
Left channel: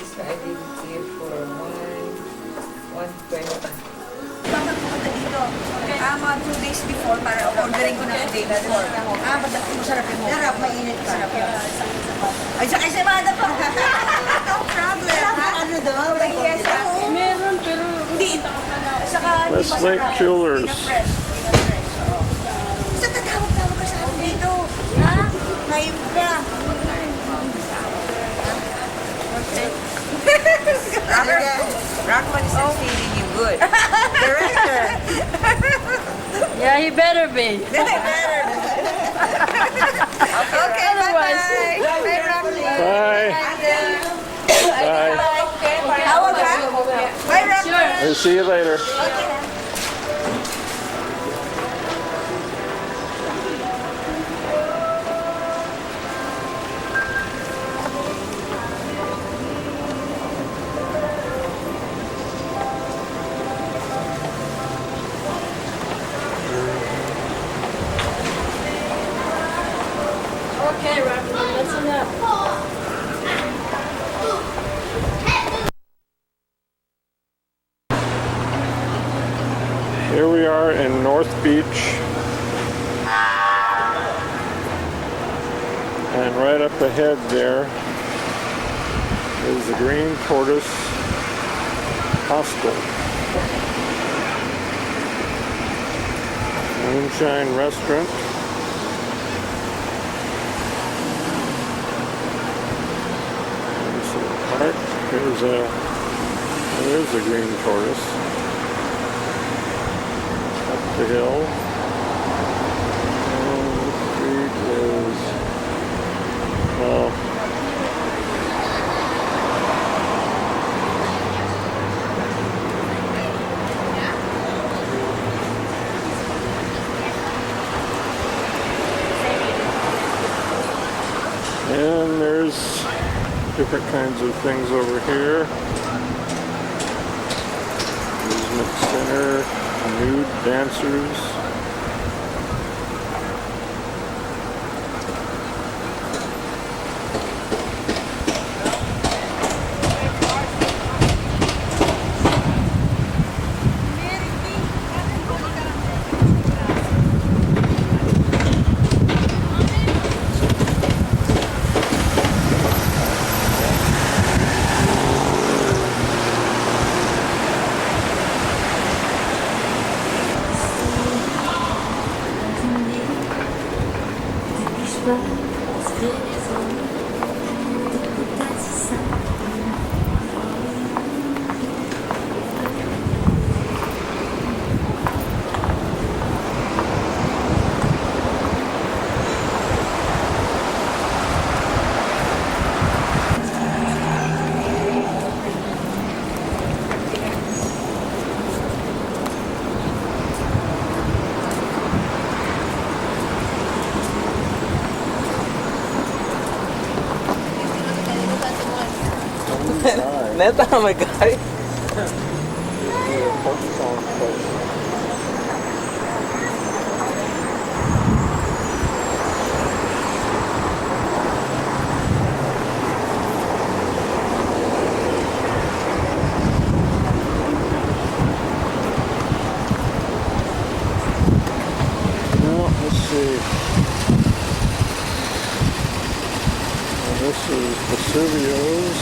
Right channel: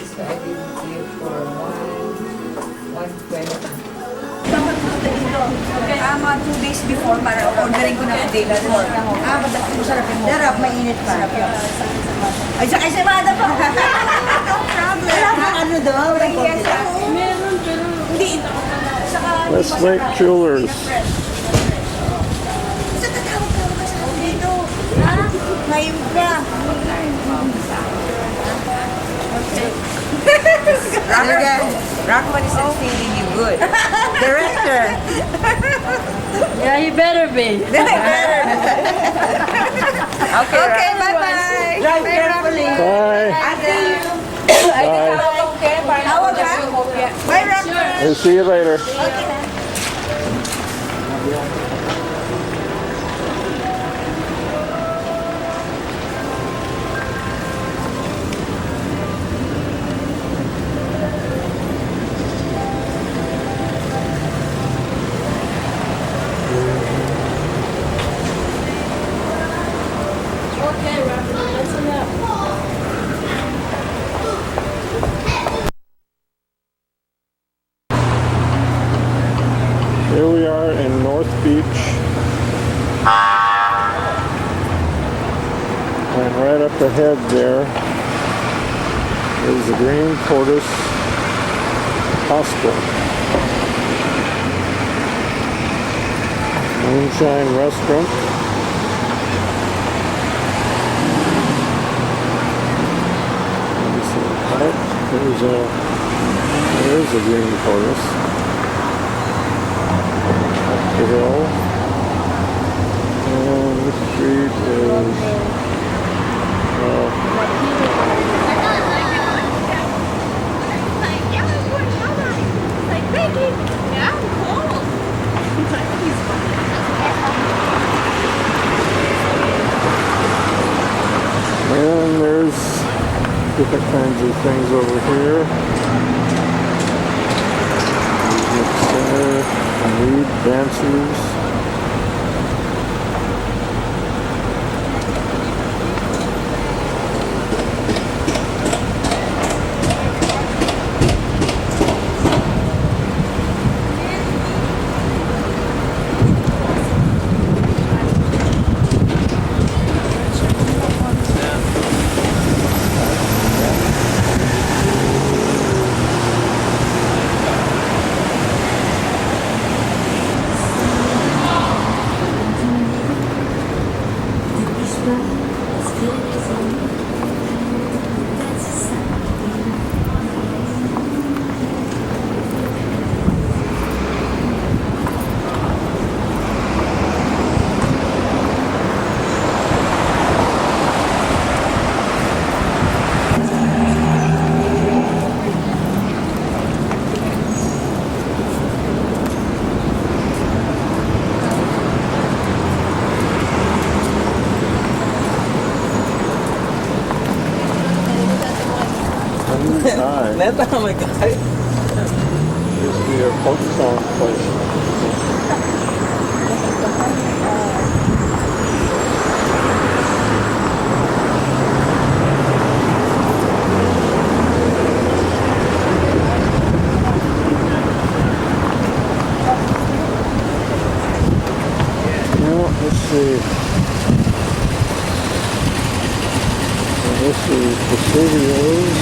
This one I did here for 120. Bakit pumunta dito? Mga 2 days before para ordering ko na the day before. Masarap yung sarap, mainit pa. Sarap yun. Ay, sa Mada pa. No problem. Wala bang ano doon? Meron, pero hindi. Westlake Jewelers. Sa tatawag-tawag ka sa akin dito. Ha? Ngayon ka. Okay. Rockman is feeding you good. Director. yeah, he better be. Better. Okay, bye-bye. Bye, Rockman. Bye. Bye. Tawag ka? Bye, Rockman. I'll see you later. Okay. right up ahead there is the Green Tortoise Hostel. Moonshine Restaurant. Right, there's a Green Tortoise. Up the hill. And the street is, and there's different kinds of things over here. Amusement center, nude dancers. Neta, oh my God. Here's the pork song place. Well, let's see. Well, this is Vesuvio's.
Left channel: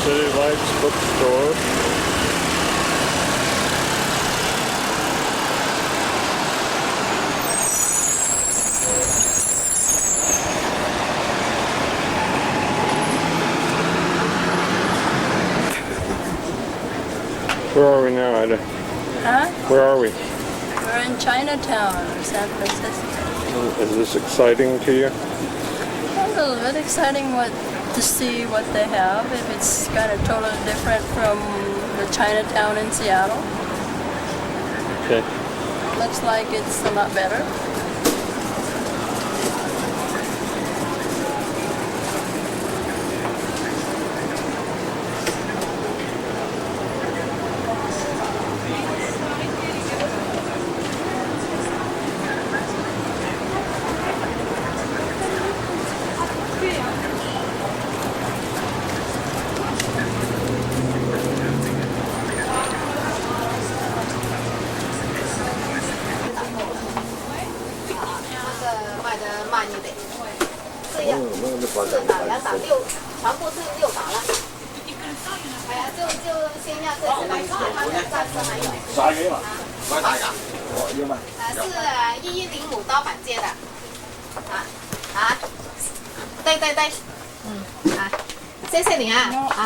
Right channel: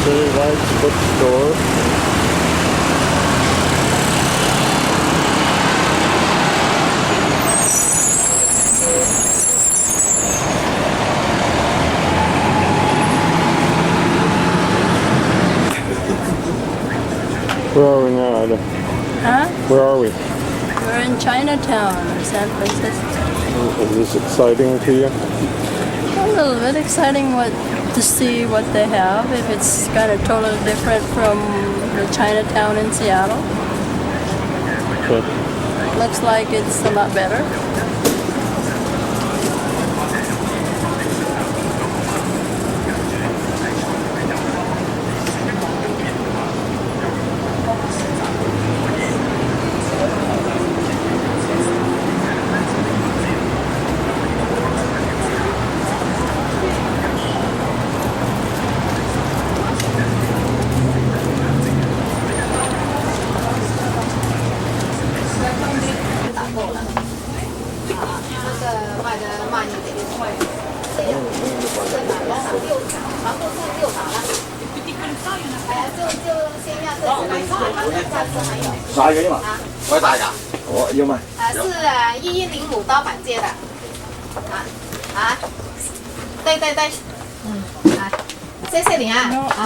City Lights Bookstore. Where are we now, Ida? Huh? Where are we? We're in Chinatown, San Francisco. Is this exciting to you? A little bit exciting to see what they have, if it's kind of totally different from the Chinatown in Seattle. Okay. Looks like it's a lot better.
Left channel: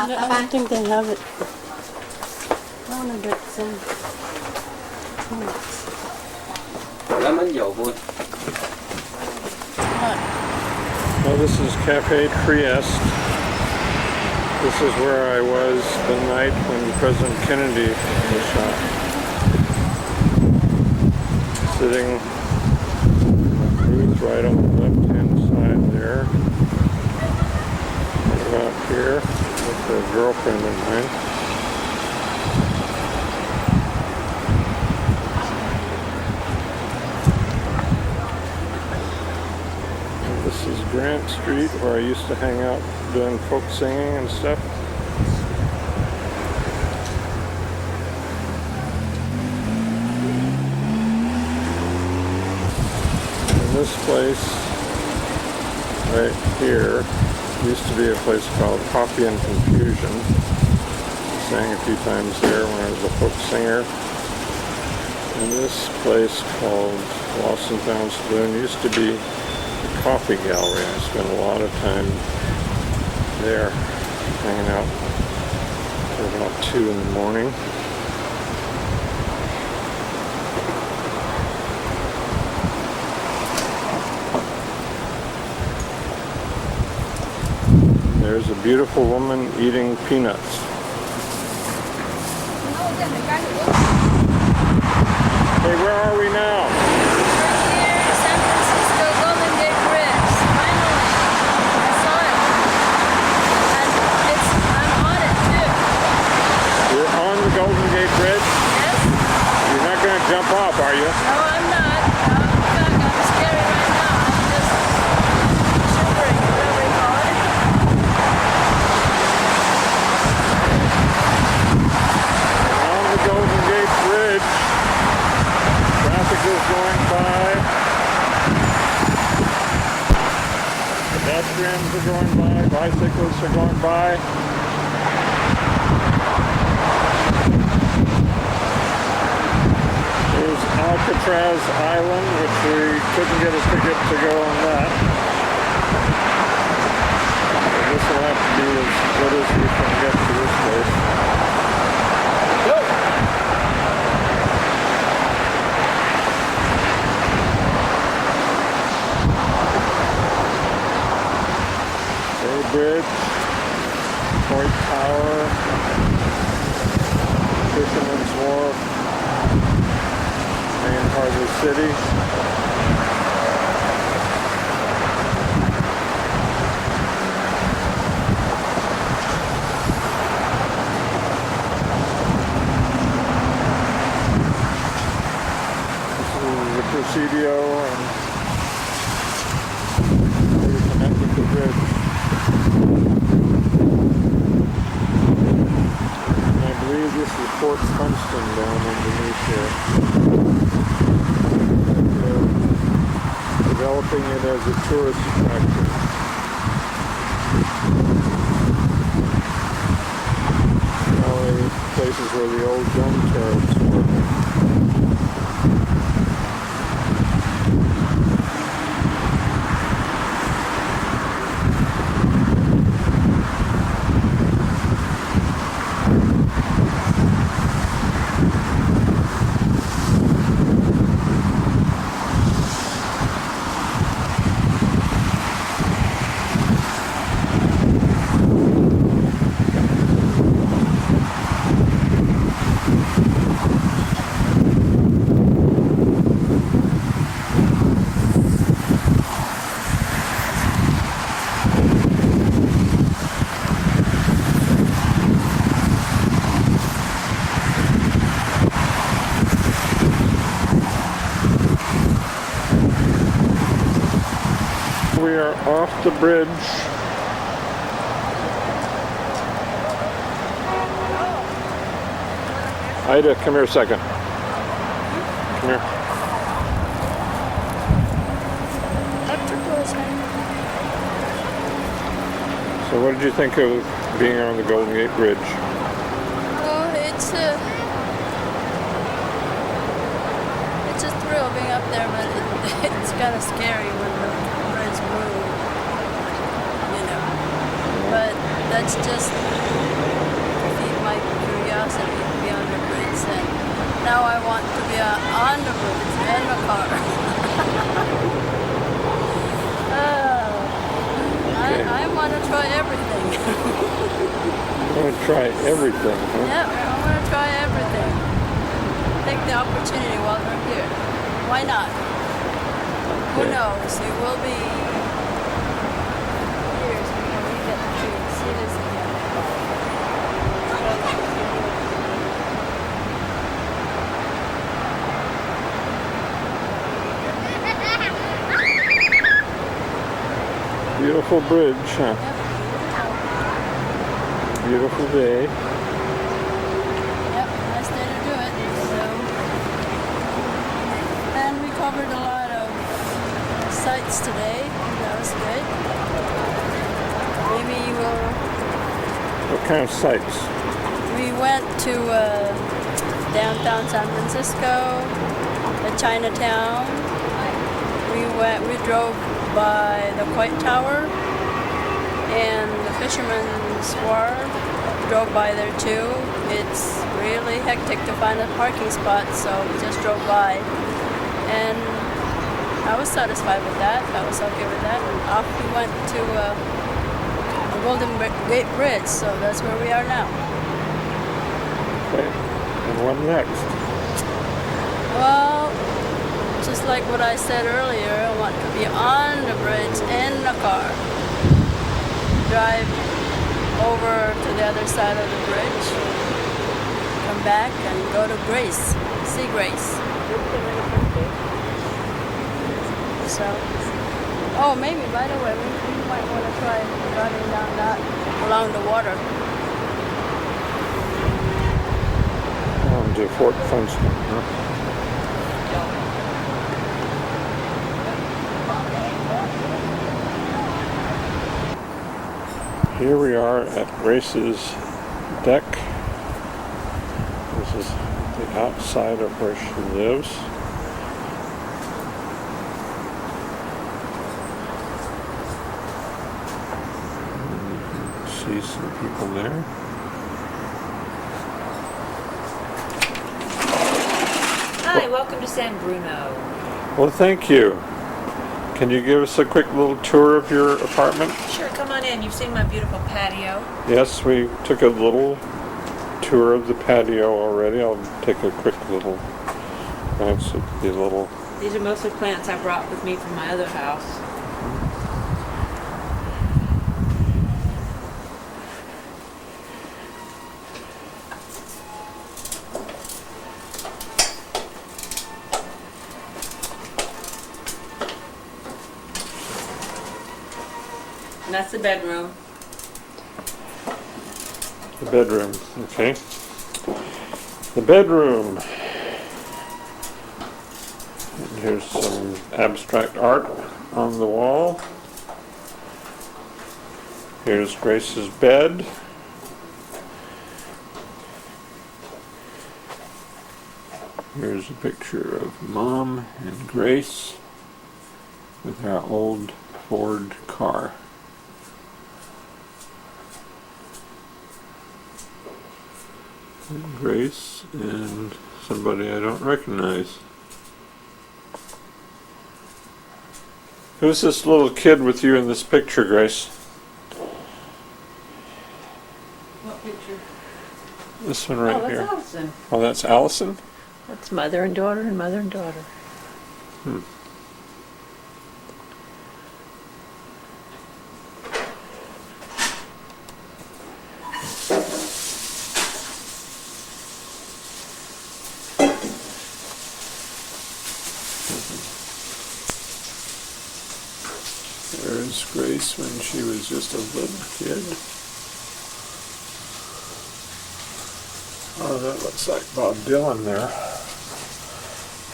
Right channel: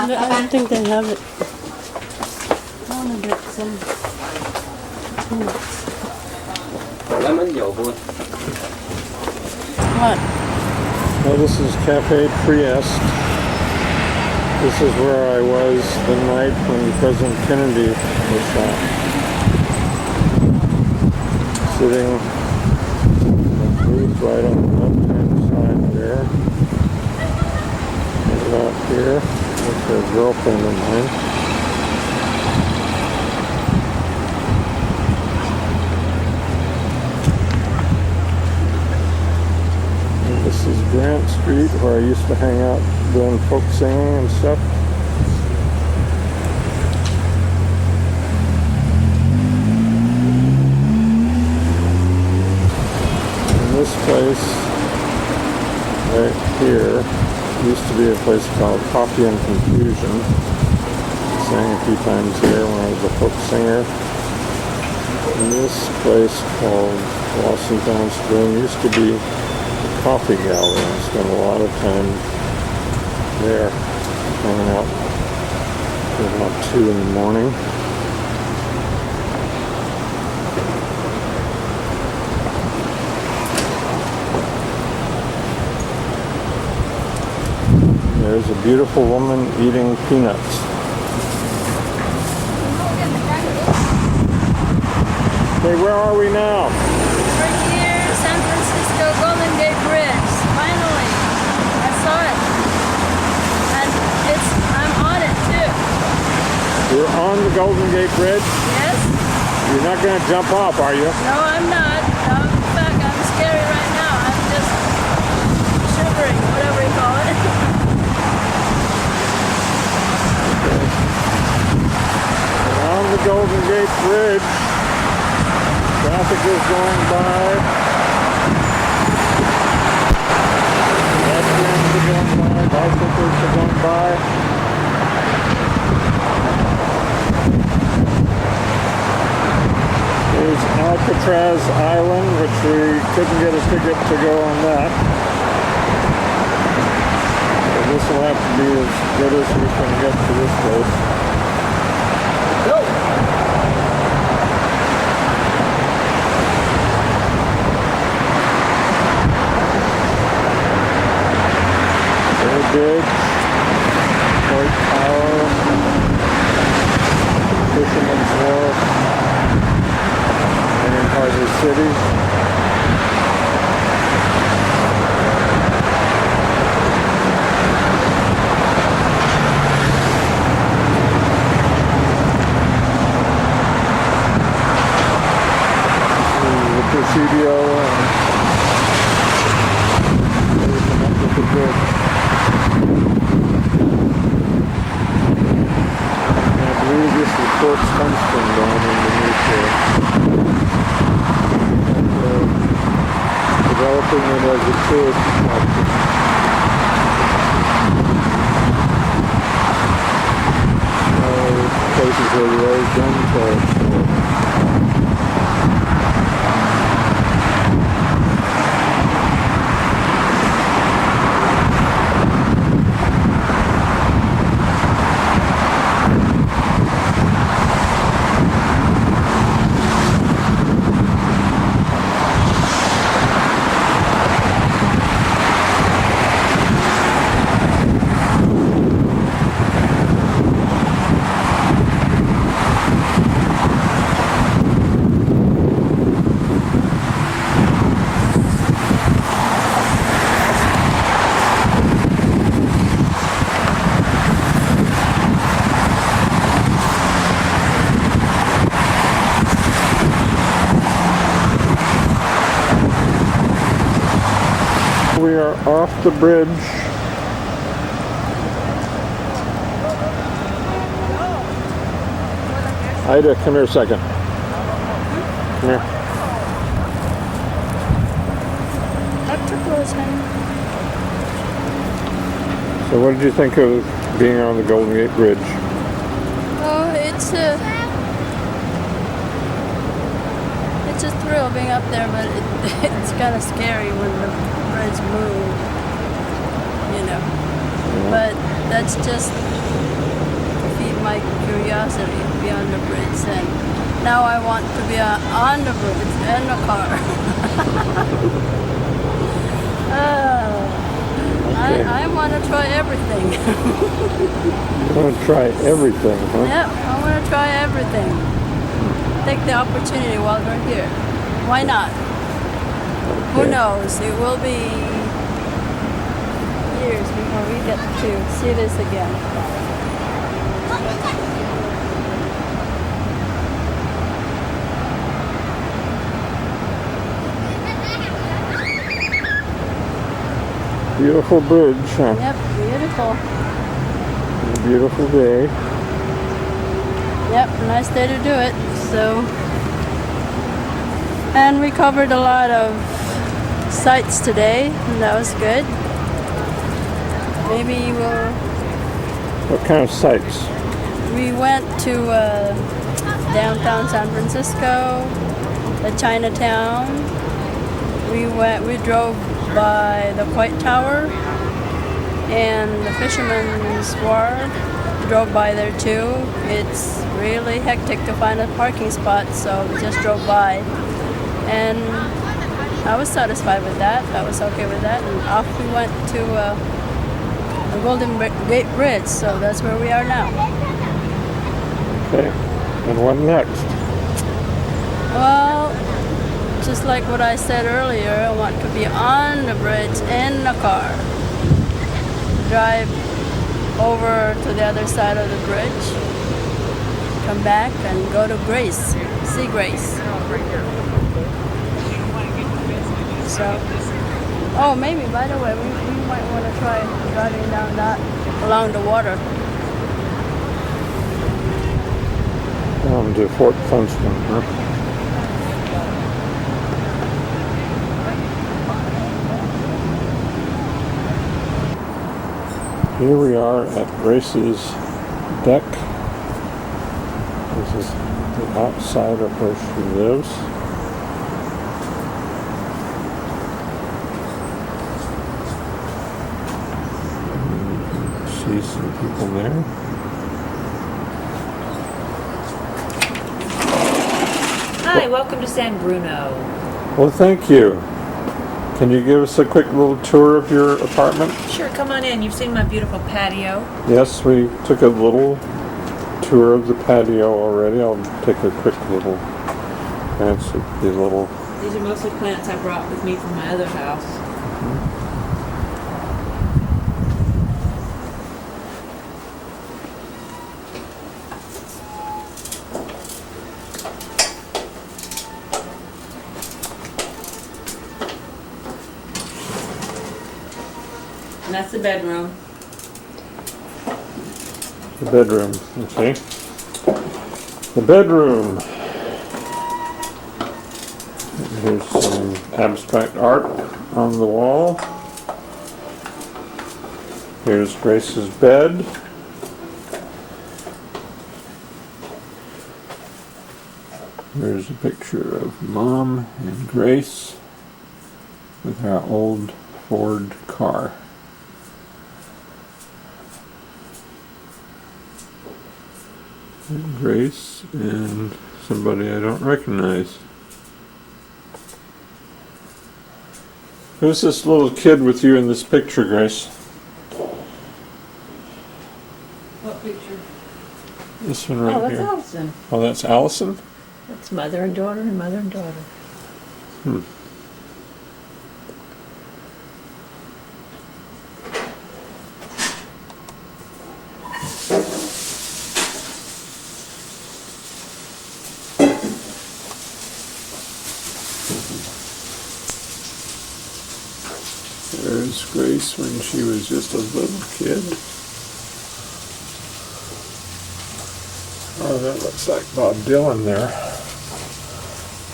I don't think they have it. I want to get some peanuts. What? Well, this is Cafe Trieste. This is where I was the night when President Kennedy was shot. Sitting in a booth right on the left-hand side there. And about here with a girlfriend of mine. This is Grant Street, where I used to hang out doing folk singing and stuff. And this place right here used to be a place called Coffee and Confusion. I sang a few times there when I was a folk singer. And this place called Lost and Found Saloon used to be a coffee gallery. I spent a lot of time there hanging out till about 2 in the morning. There's a beautiful woman eating peanuts. Hey, where are we now? We're here, San Francisco Golden Gate Bridge. Finally, I saw it. And I'm on it too. You're on the Golden Gate Bridge? Yes. You're not going to jump off, are you? No, I'm not. No, in fact, I'm scary right now. I'm just shivering, whatever you call it. On the Golden Gate Bridge, traffic is going by, pedestrians are going by, bicyclists are going by. There's Alcatraz Island, which we couldn't get a ticket to go on that. So this will have to be as good as we can get to this place. Bridge, Point Tower, Fisherman's Wharf, main part of the city. This is the Presidio, and there you come up with the bridge. I believe this is Fort Funston down underneath here. Developing it as a tourist attraction. Places where the old gun turrets were. We are off the bridge. Ida, come here a second. Come here. So what did you think of being on the Golden Gate Bridge? Oh, it's a thrill being up there, but it's kind of scary when the bridge moves, you know. Yeah. But that's just to feed my curiosity to be on the bridge, and now I want to be on the bridge and the car. Okay. I want to try everything. You want to try everything, huh? Yep, I want to try everything. Take the opportunity while we're here. Why not? Okay. Who knows? It will be years before we get to see this again. Beautiful bridge, huh? Yep, beautiful. A beautiful day. Yep, nice day to do it. So, and we covered a lot of sites today. That was good. maybe we'll... What kind of sights? We went to downtown San Francisco, the Chinatown. We drove by the White Tower and the Fisherman's Wharf. Drove by there too. It's really hectic to find a parking spot, so we just drove by. And I was satisfied with that. I was okay with that. And off we went to the Golden Gate Bridge, so that's where we are now. Okay. And what next? Well, just like what I said earlier, I want to be on the bridge in the car. Drive over to the other side of the bridge. Come back and go to Grace. See Grace. So, oh, maybe, by the way, we might want to try driving down that, along the water. Down to Fort Funston, huh? Here we are at Grace's deck. This is the outside of where she lives. See some people there. Hi, welcome to San Bruno. Well, thank you. Can you give us a quick little tour of your apartment? Sure, come on in. You've seen my beautiful patio. Yes, we took a little tour of the patio already. I'll take a quick little glance at the little... These are mostly plants I brought with me from my other house. And that's the bedroom. The bedroom, okay. The bedroom. And here's some abstract art on the wall. Here's Grace's bed. Here's a picture of Mom and Grace with our old Ford car. And Grace and somebody I don't recognize. Who's this little kid with you in this picture, Grace? What picture? This one right Oh, that's here. Allison. Oh, that's Allison? That's mother and daughter and mother and daughter. Hmm. There's Grace when she was just a little kid. Oh, that looks like Bob Dylan there,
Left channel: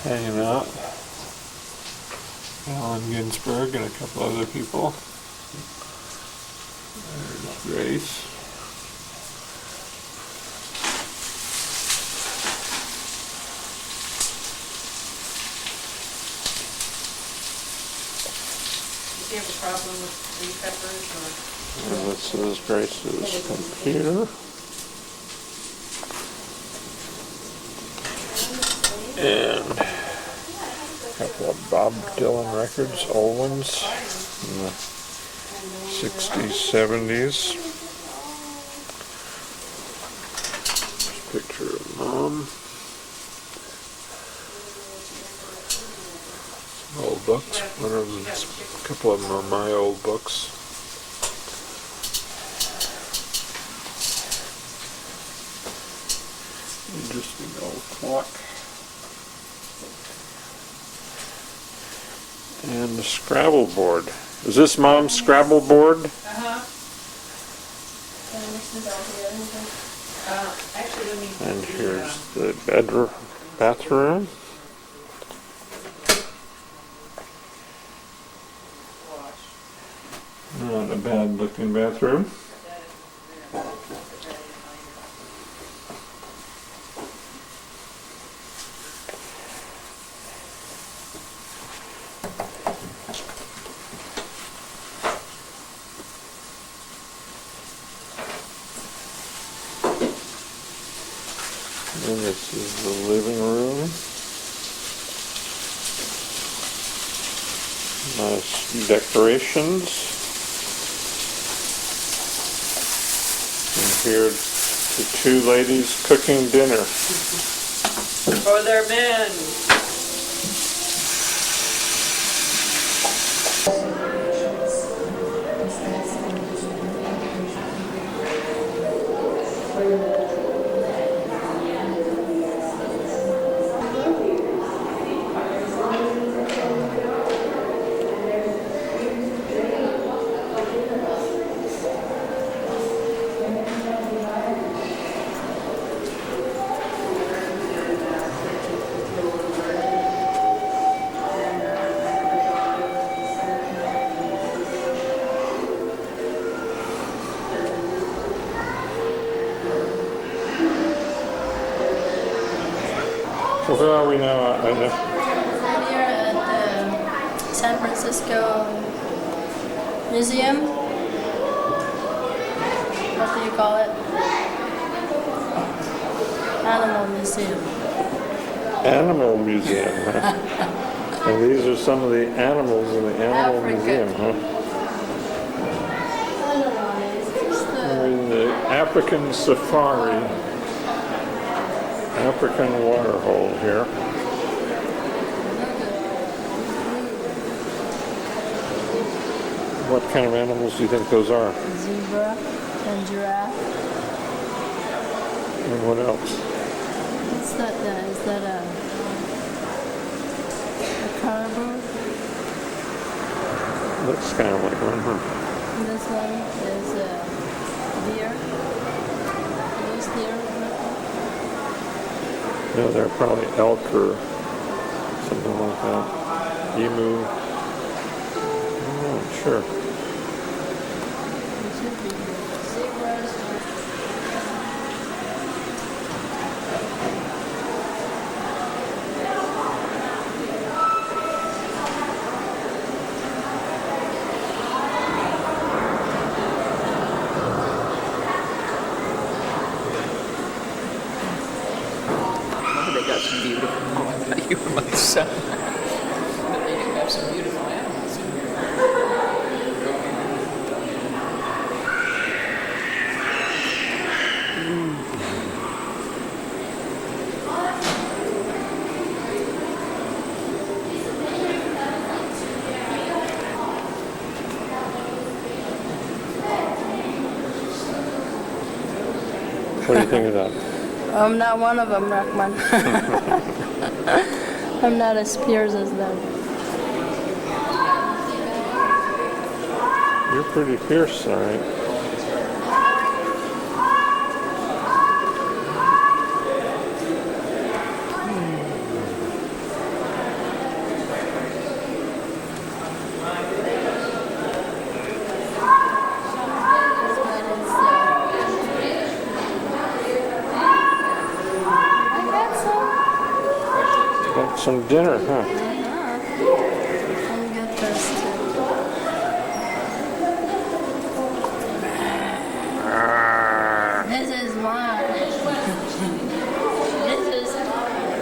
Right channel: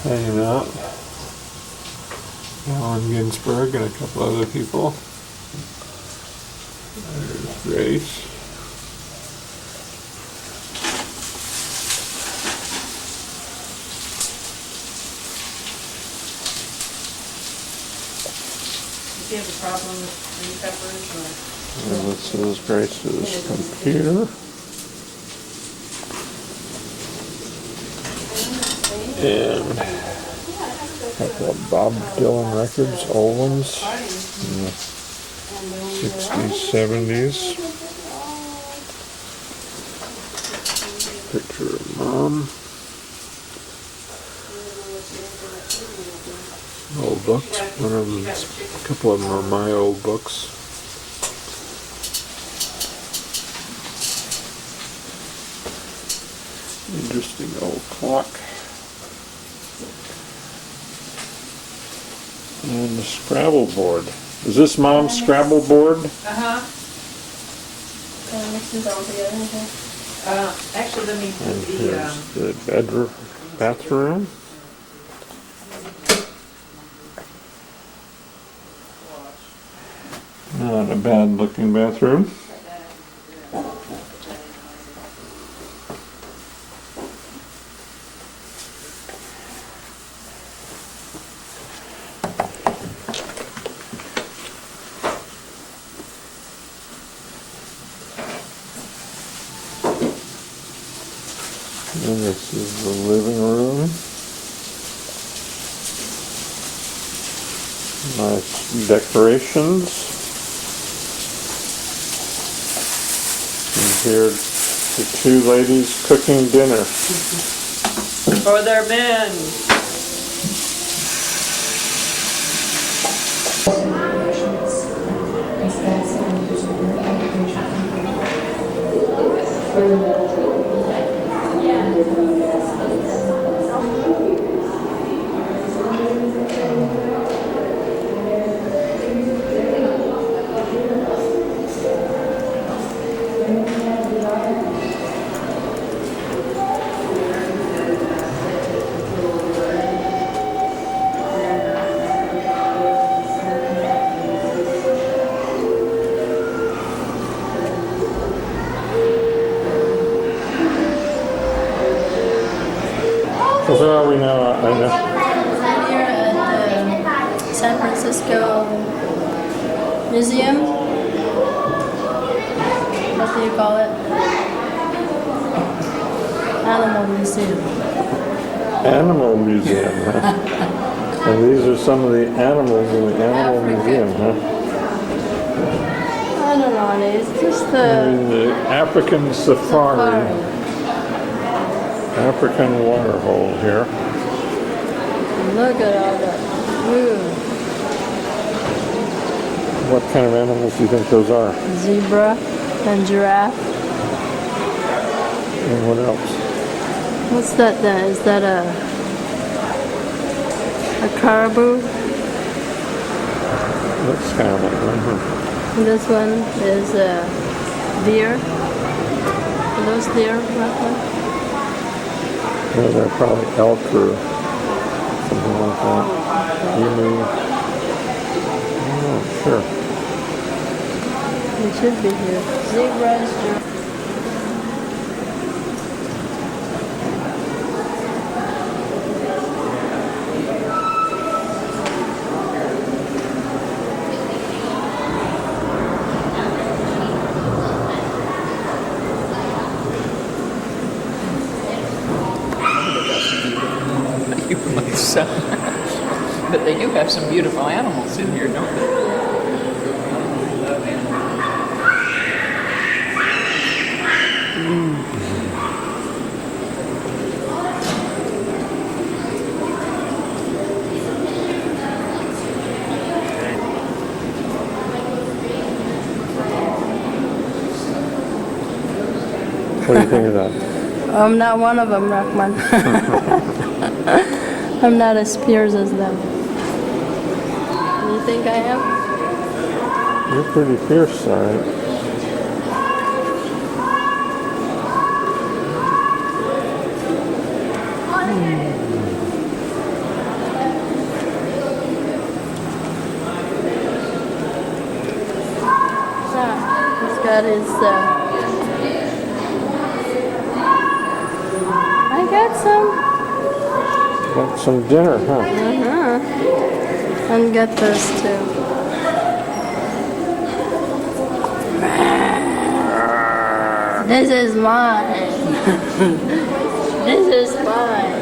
hanging out. Allen Ginsberg and a couple other people. There's Grace. Do you have a problem with green peppers or? And this is Grace's computer. And a couple of Bob Dylan records, old ones, in the 60s, 70s. Picture of Mom. Old books. One of them, a couple of them are my old books. Interesting old clock. And the Scrabble board. Is this Mom's Scrabble board? Uh-huh. Actually, let me... And here's the bathroom. Now Not a bad looking bathroom. And this is the living room. Nice decorations. And here the two ladies cooking dinner. For their men. So where are we now, Aida? I'm here at the San Francisco Museum. What do you call it? Animal Museum. Animal Museum, huh? And these are some of the animals in the Animal Museum, huh? I don't know, it's just the African safari. African water hole here. Look at all that. What kind of animals do you think those are? Zebra and giraffe. And what else? What's that then? Is that a caribou? Looks kind of like one, huh? And this one is a deer. Are those deer, roughly? No, they're probably elk or something like that. Emu. Oh, sure. It should be here. Zebras. But they do have some beautiful animals in here, don't they? What do you think of that? I'm not one of them, Rahman. I'm not as fierce as them. You think I am? You're pretty fierce, all right. He's got his. I got some. Got some dinner, huh? And get this too. This is mine. This is mine.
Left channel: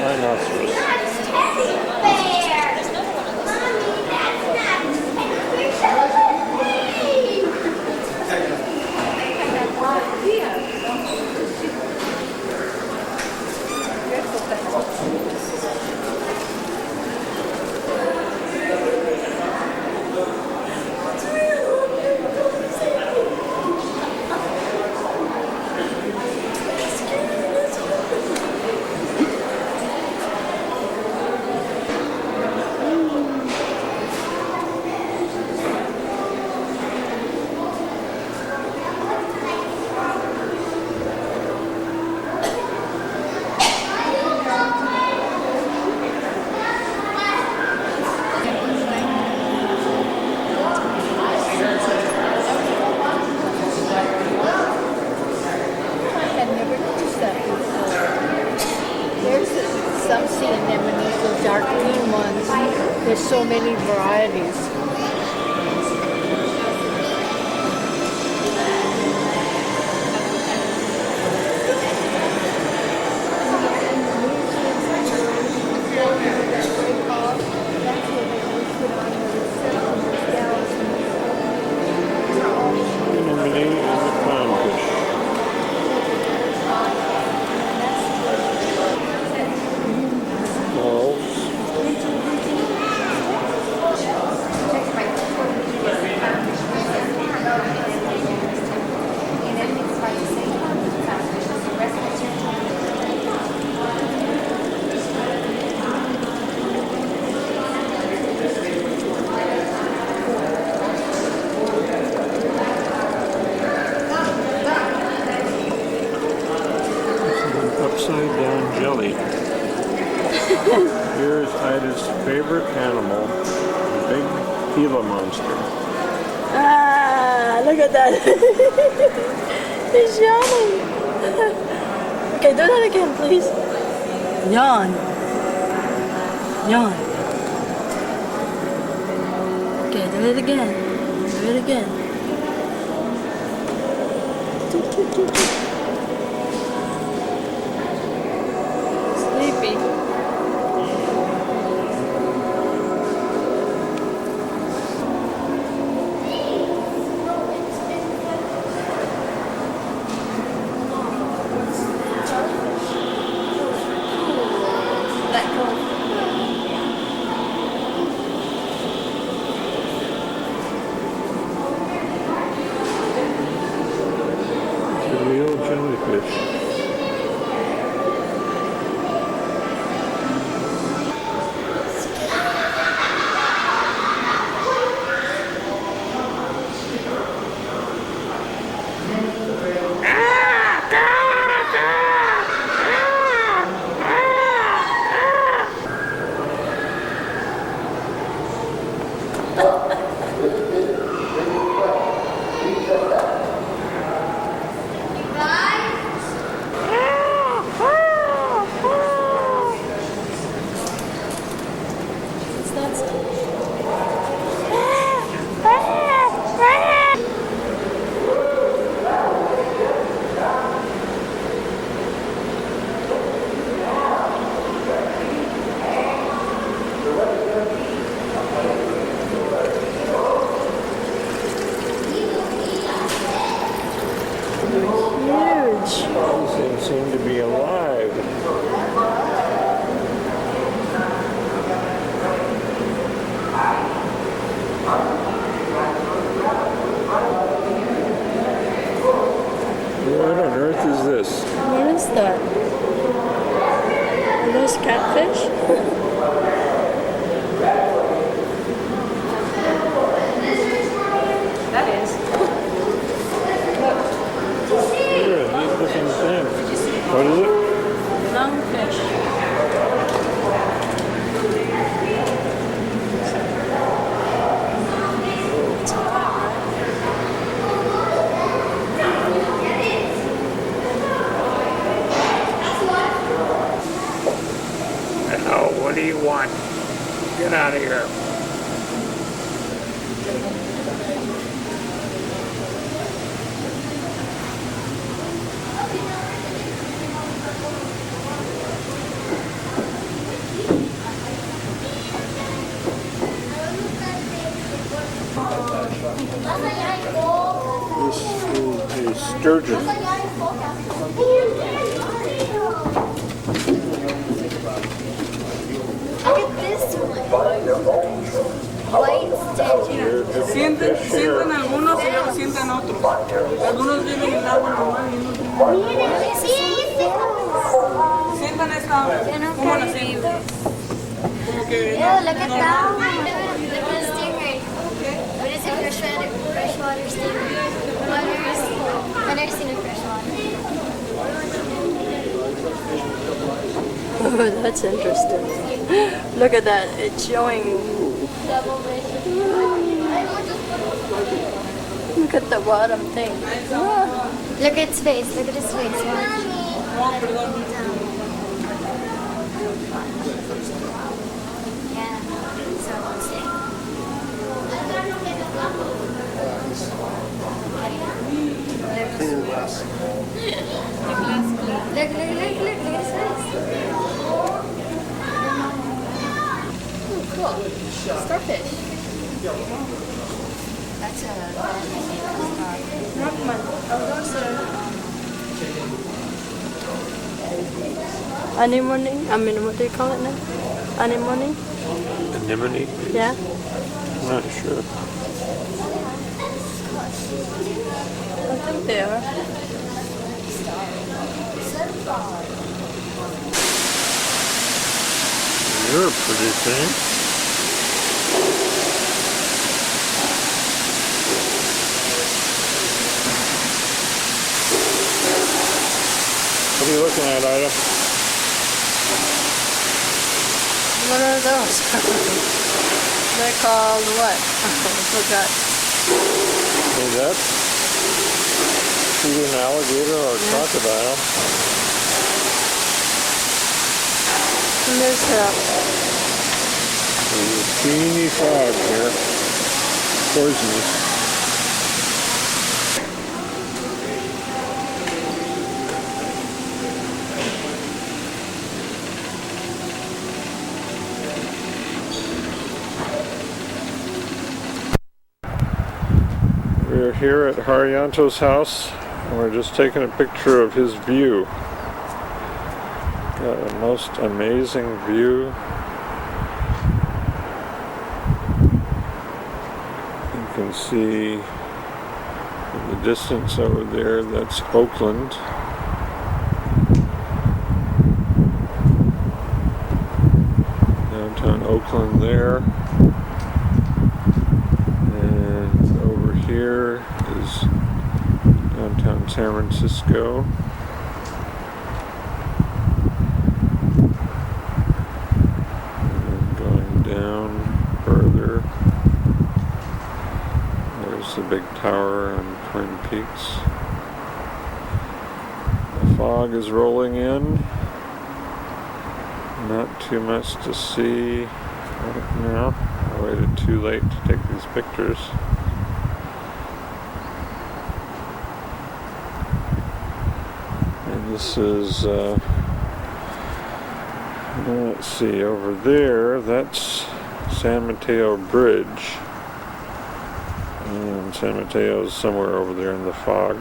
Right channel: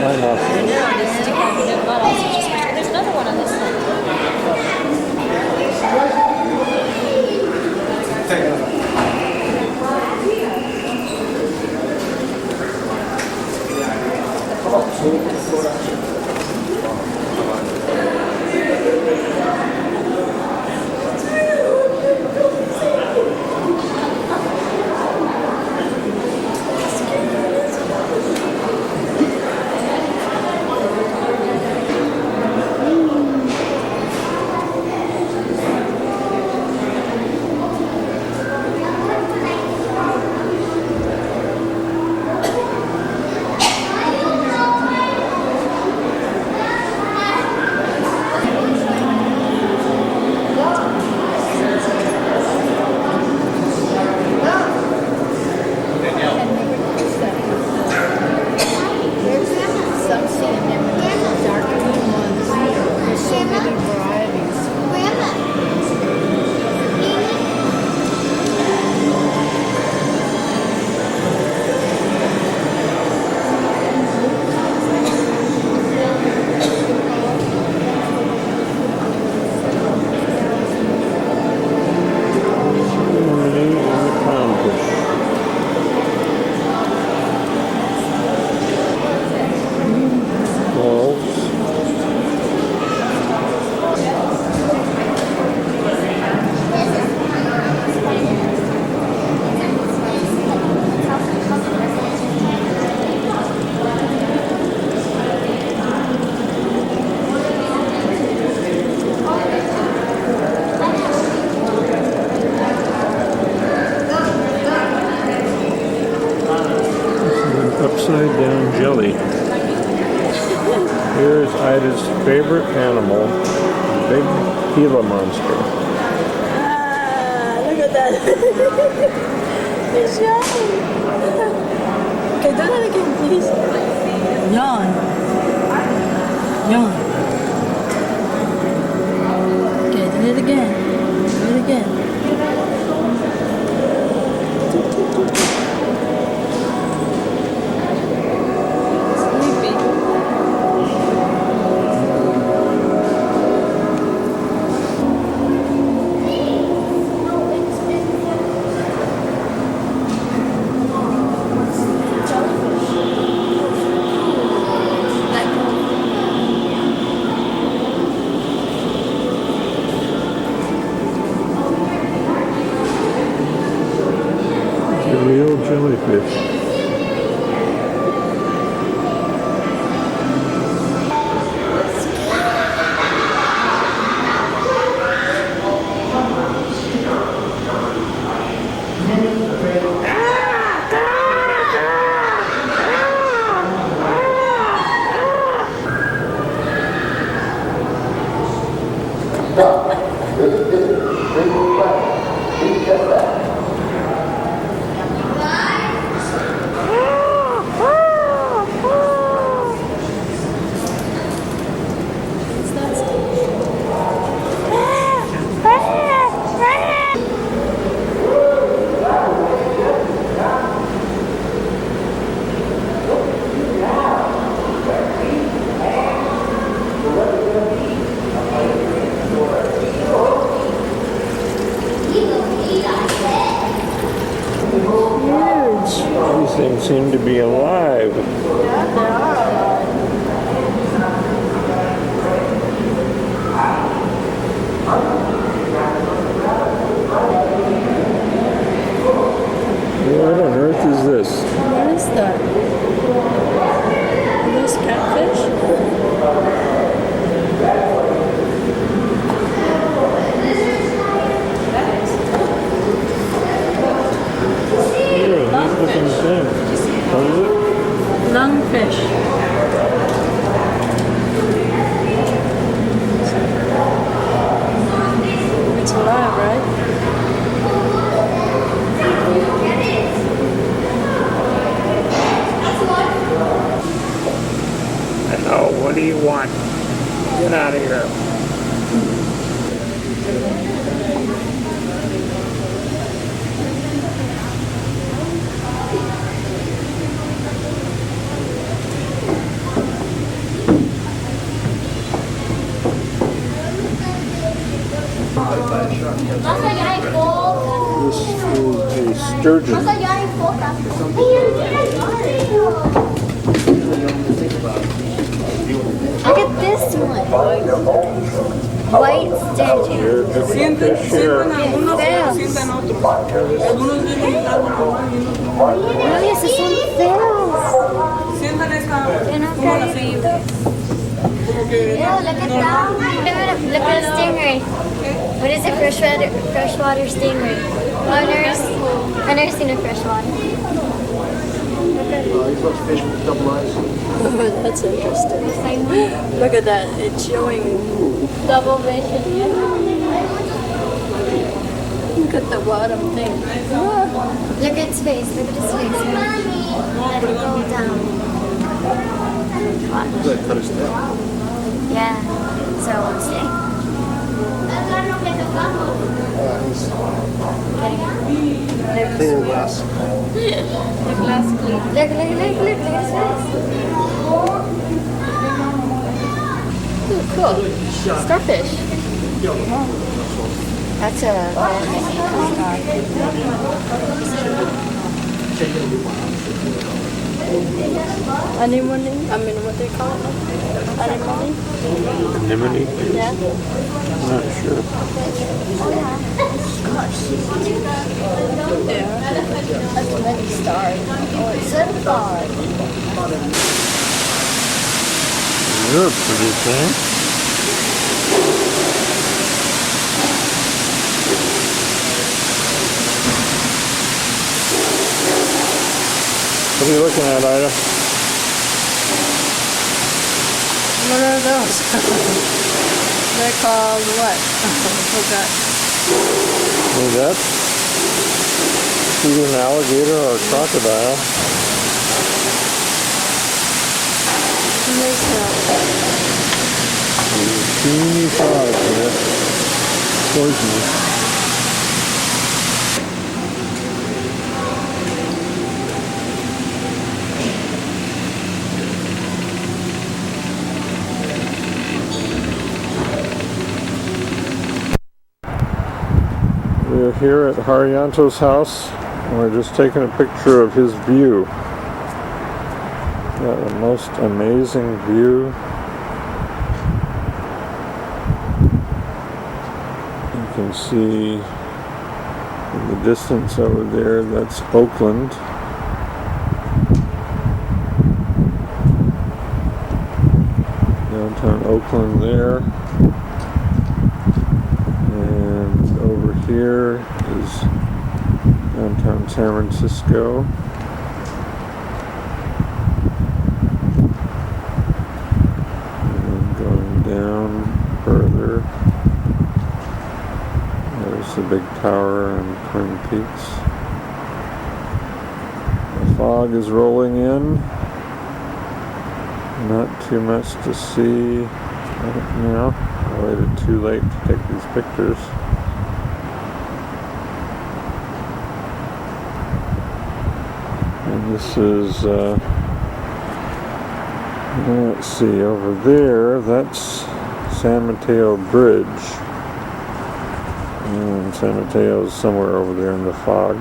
Rhinoceros. There's another one on this side. Upside down jelly. Here's Ida's favorite animal, big Gila monster. Ah, look at that. It's yawning. Okay, do that again, please. Yawn. Yawn. Okay, do it again. Do it again. Real jellyfish. These things seem to be alive. What on earth is this? What is that? Are those catfish? Here, neat looking thing. What is it? Lungfish. It's alive, right? Oh, what do you want? Get out of here. sturgeon. Look at this one. White sturgeon. Fish here. Really, it's the same fills. Ew, look at that. Look at the stingray. What is it? Freshwater stingray. I've never seen a freshwater. Oh, that's interesting. Look at that. It's showing double bacon. Look at the bottom thing. Look at its face. Look at his face. Let it go down. Yeah. So let's see. Clean glass. The glass clean. Look at his face. Ooh, cool. Starfish. That's a Anemone? I mean, what do you call it now? Anemone? Anemone? Yeah. Not sure. They are. That's many stars. Oh, it's so far. You're pretty thing. What are you looking at, Ida? What are those? They're called what? I forgot. Is that either an alligator or a crocodile? And there's There's teeny frogs here. Poisonous. We're here at Haryanto's house and we're just taking a picture of his view. Got a most amazing view. You can see in the distance over there, that's Oakland. Downtown Oakland there. And over here is downtown San Francisco. And then going down further, there's the big tower on Twin Peaks. The fog is rolling in. Not too much to see right now. I waited too late to take these pictures. And this is, let's see, over there, that's San Mateo Bridge. And San Mateo's somewhere over there in the fog.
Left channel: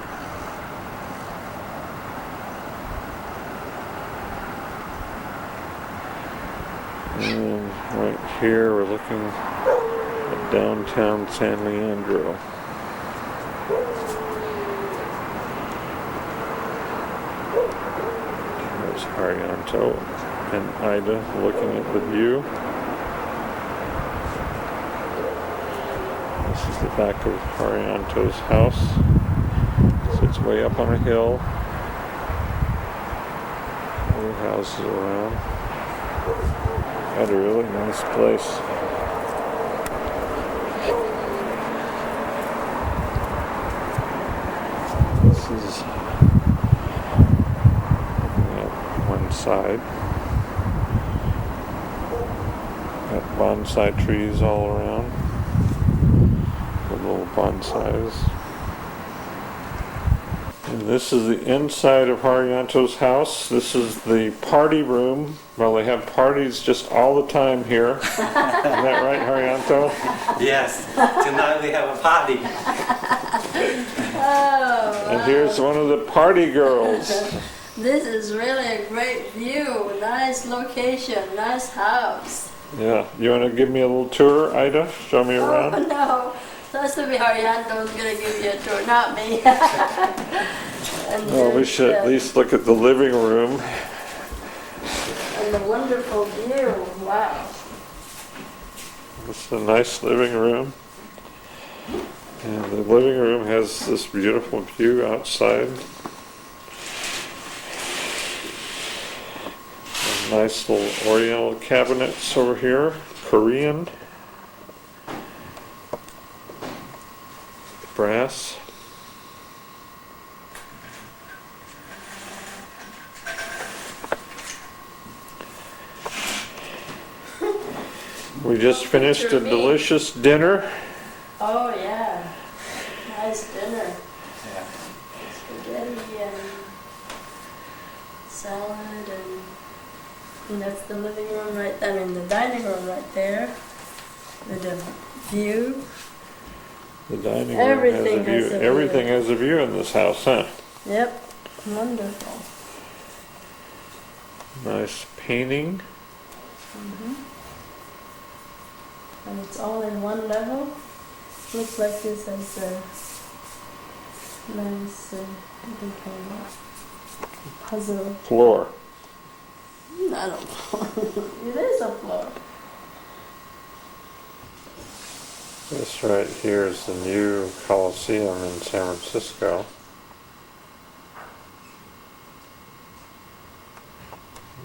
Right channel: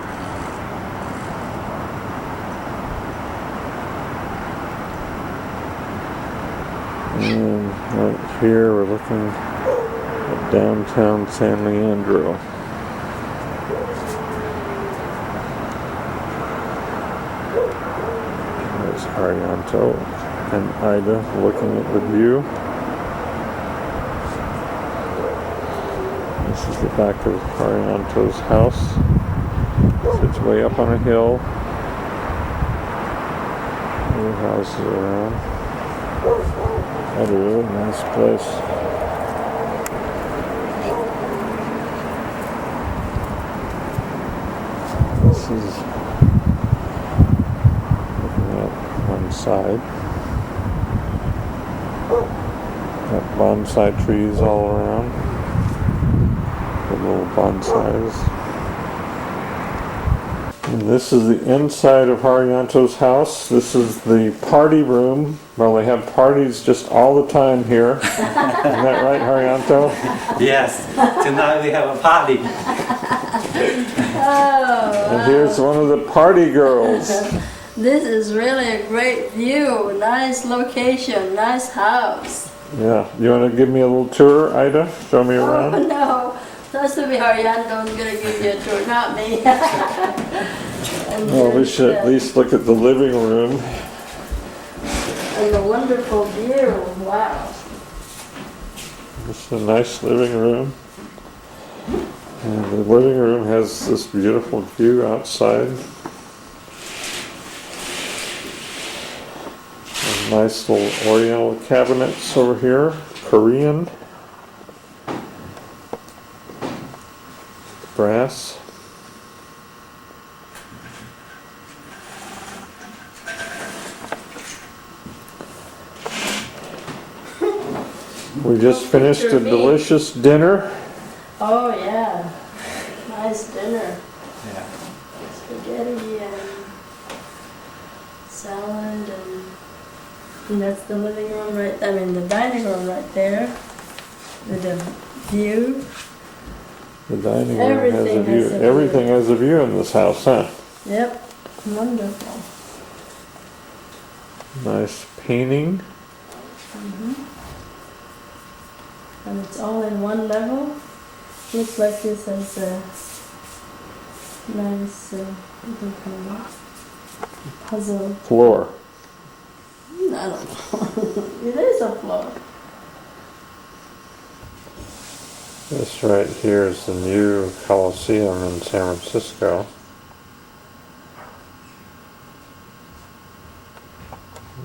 And right here we're looking at downtown San Leandro. There's Haryanto and Ida looking at the view. This is the back of Haryanto's house. It's way up on a hill. Other houses around. Had a really nice place. This is looking at one side. Got bonsai trees all around. The little bonsais. And this is the inside of Haryanto's house. This is the party room. Well, they have parties just all the time here. Isn't that right, Haryanto? Yes. Tonight we have a party. Oh, And here's one of the party girls. this is really a great view. Nice location, nice house. Yeah, you want to give me a little tour, Ida? Show me Oh around? no, that's to be Haryanto's gonna give you a tour, not me. And Well, we should at least look at the living room. And the wonderful view, wow. It's a nice living room. And the living room has this beautiful view outside. And nice little oriental cabinets over here, Korean. Brass. We just finished a delicious dinner. Oh yeah, nice dinner. Yeah. Spaghetti and salad and that's the living room right, I mean the dining room right there with the view. The dining room has a view. Everything has a view in this house, huh? Yep, wonderful. Nice painting. And it's all in one level. Looks like this has a nice what do you call that? Puzzle. Floor. I don't know. It is a floor. This right here is the new Coliseum in San Francisco.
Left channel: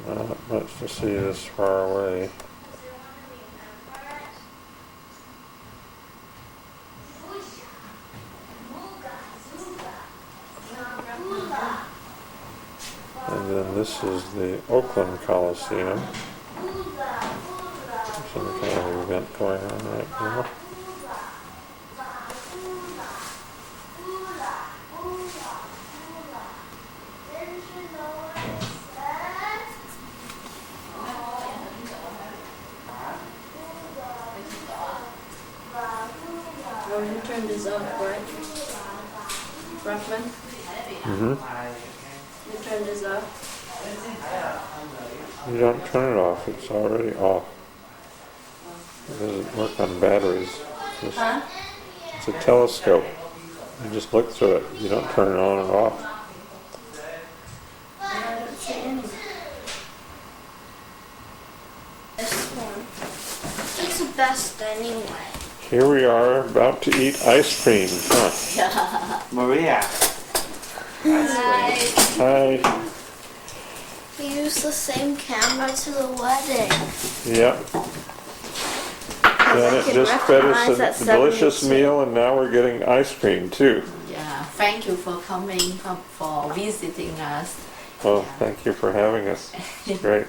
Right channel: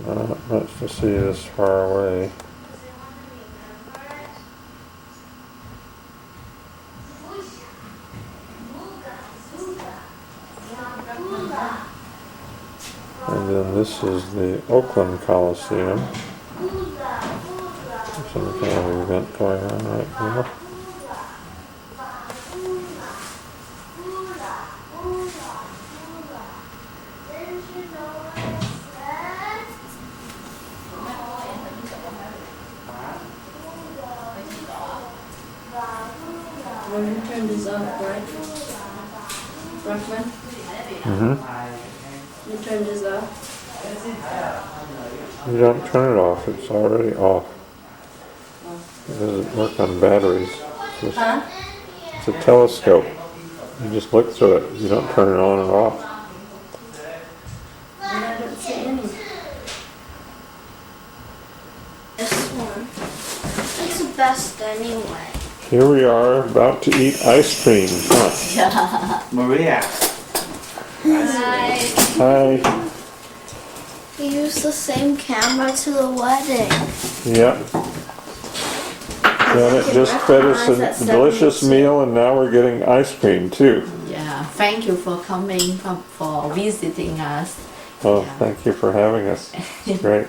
Not much to see this far away. And then this is the Oakland Coliseum. There's some kind of event going on right now. Oh, you turn this off, right? Rockman? You turn this off? You don't turn it off, it's already off. It doesn't work on batteries. It's a telescope. You just look through it. You don't turn it on and off. I don't see any. This one. It's the best anyway. Here we are about to eat ice cream, huh? Maria. Hi. Hi. We used the same camera to the wedding. Yep. Janet just fed us a delicious meal and now we're getting ice cream too. Yeah, thank you for coming, for visiting us. Oh, thank you for having us. It's great.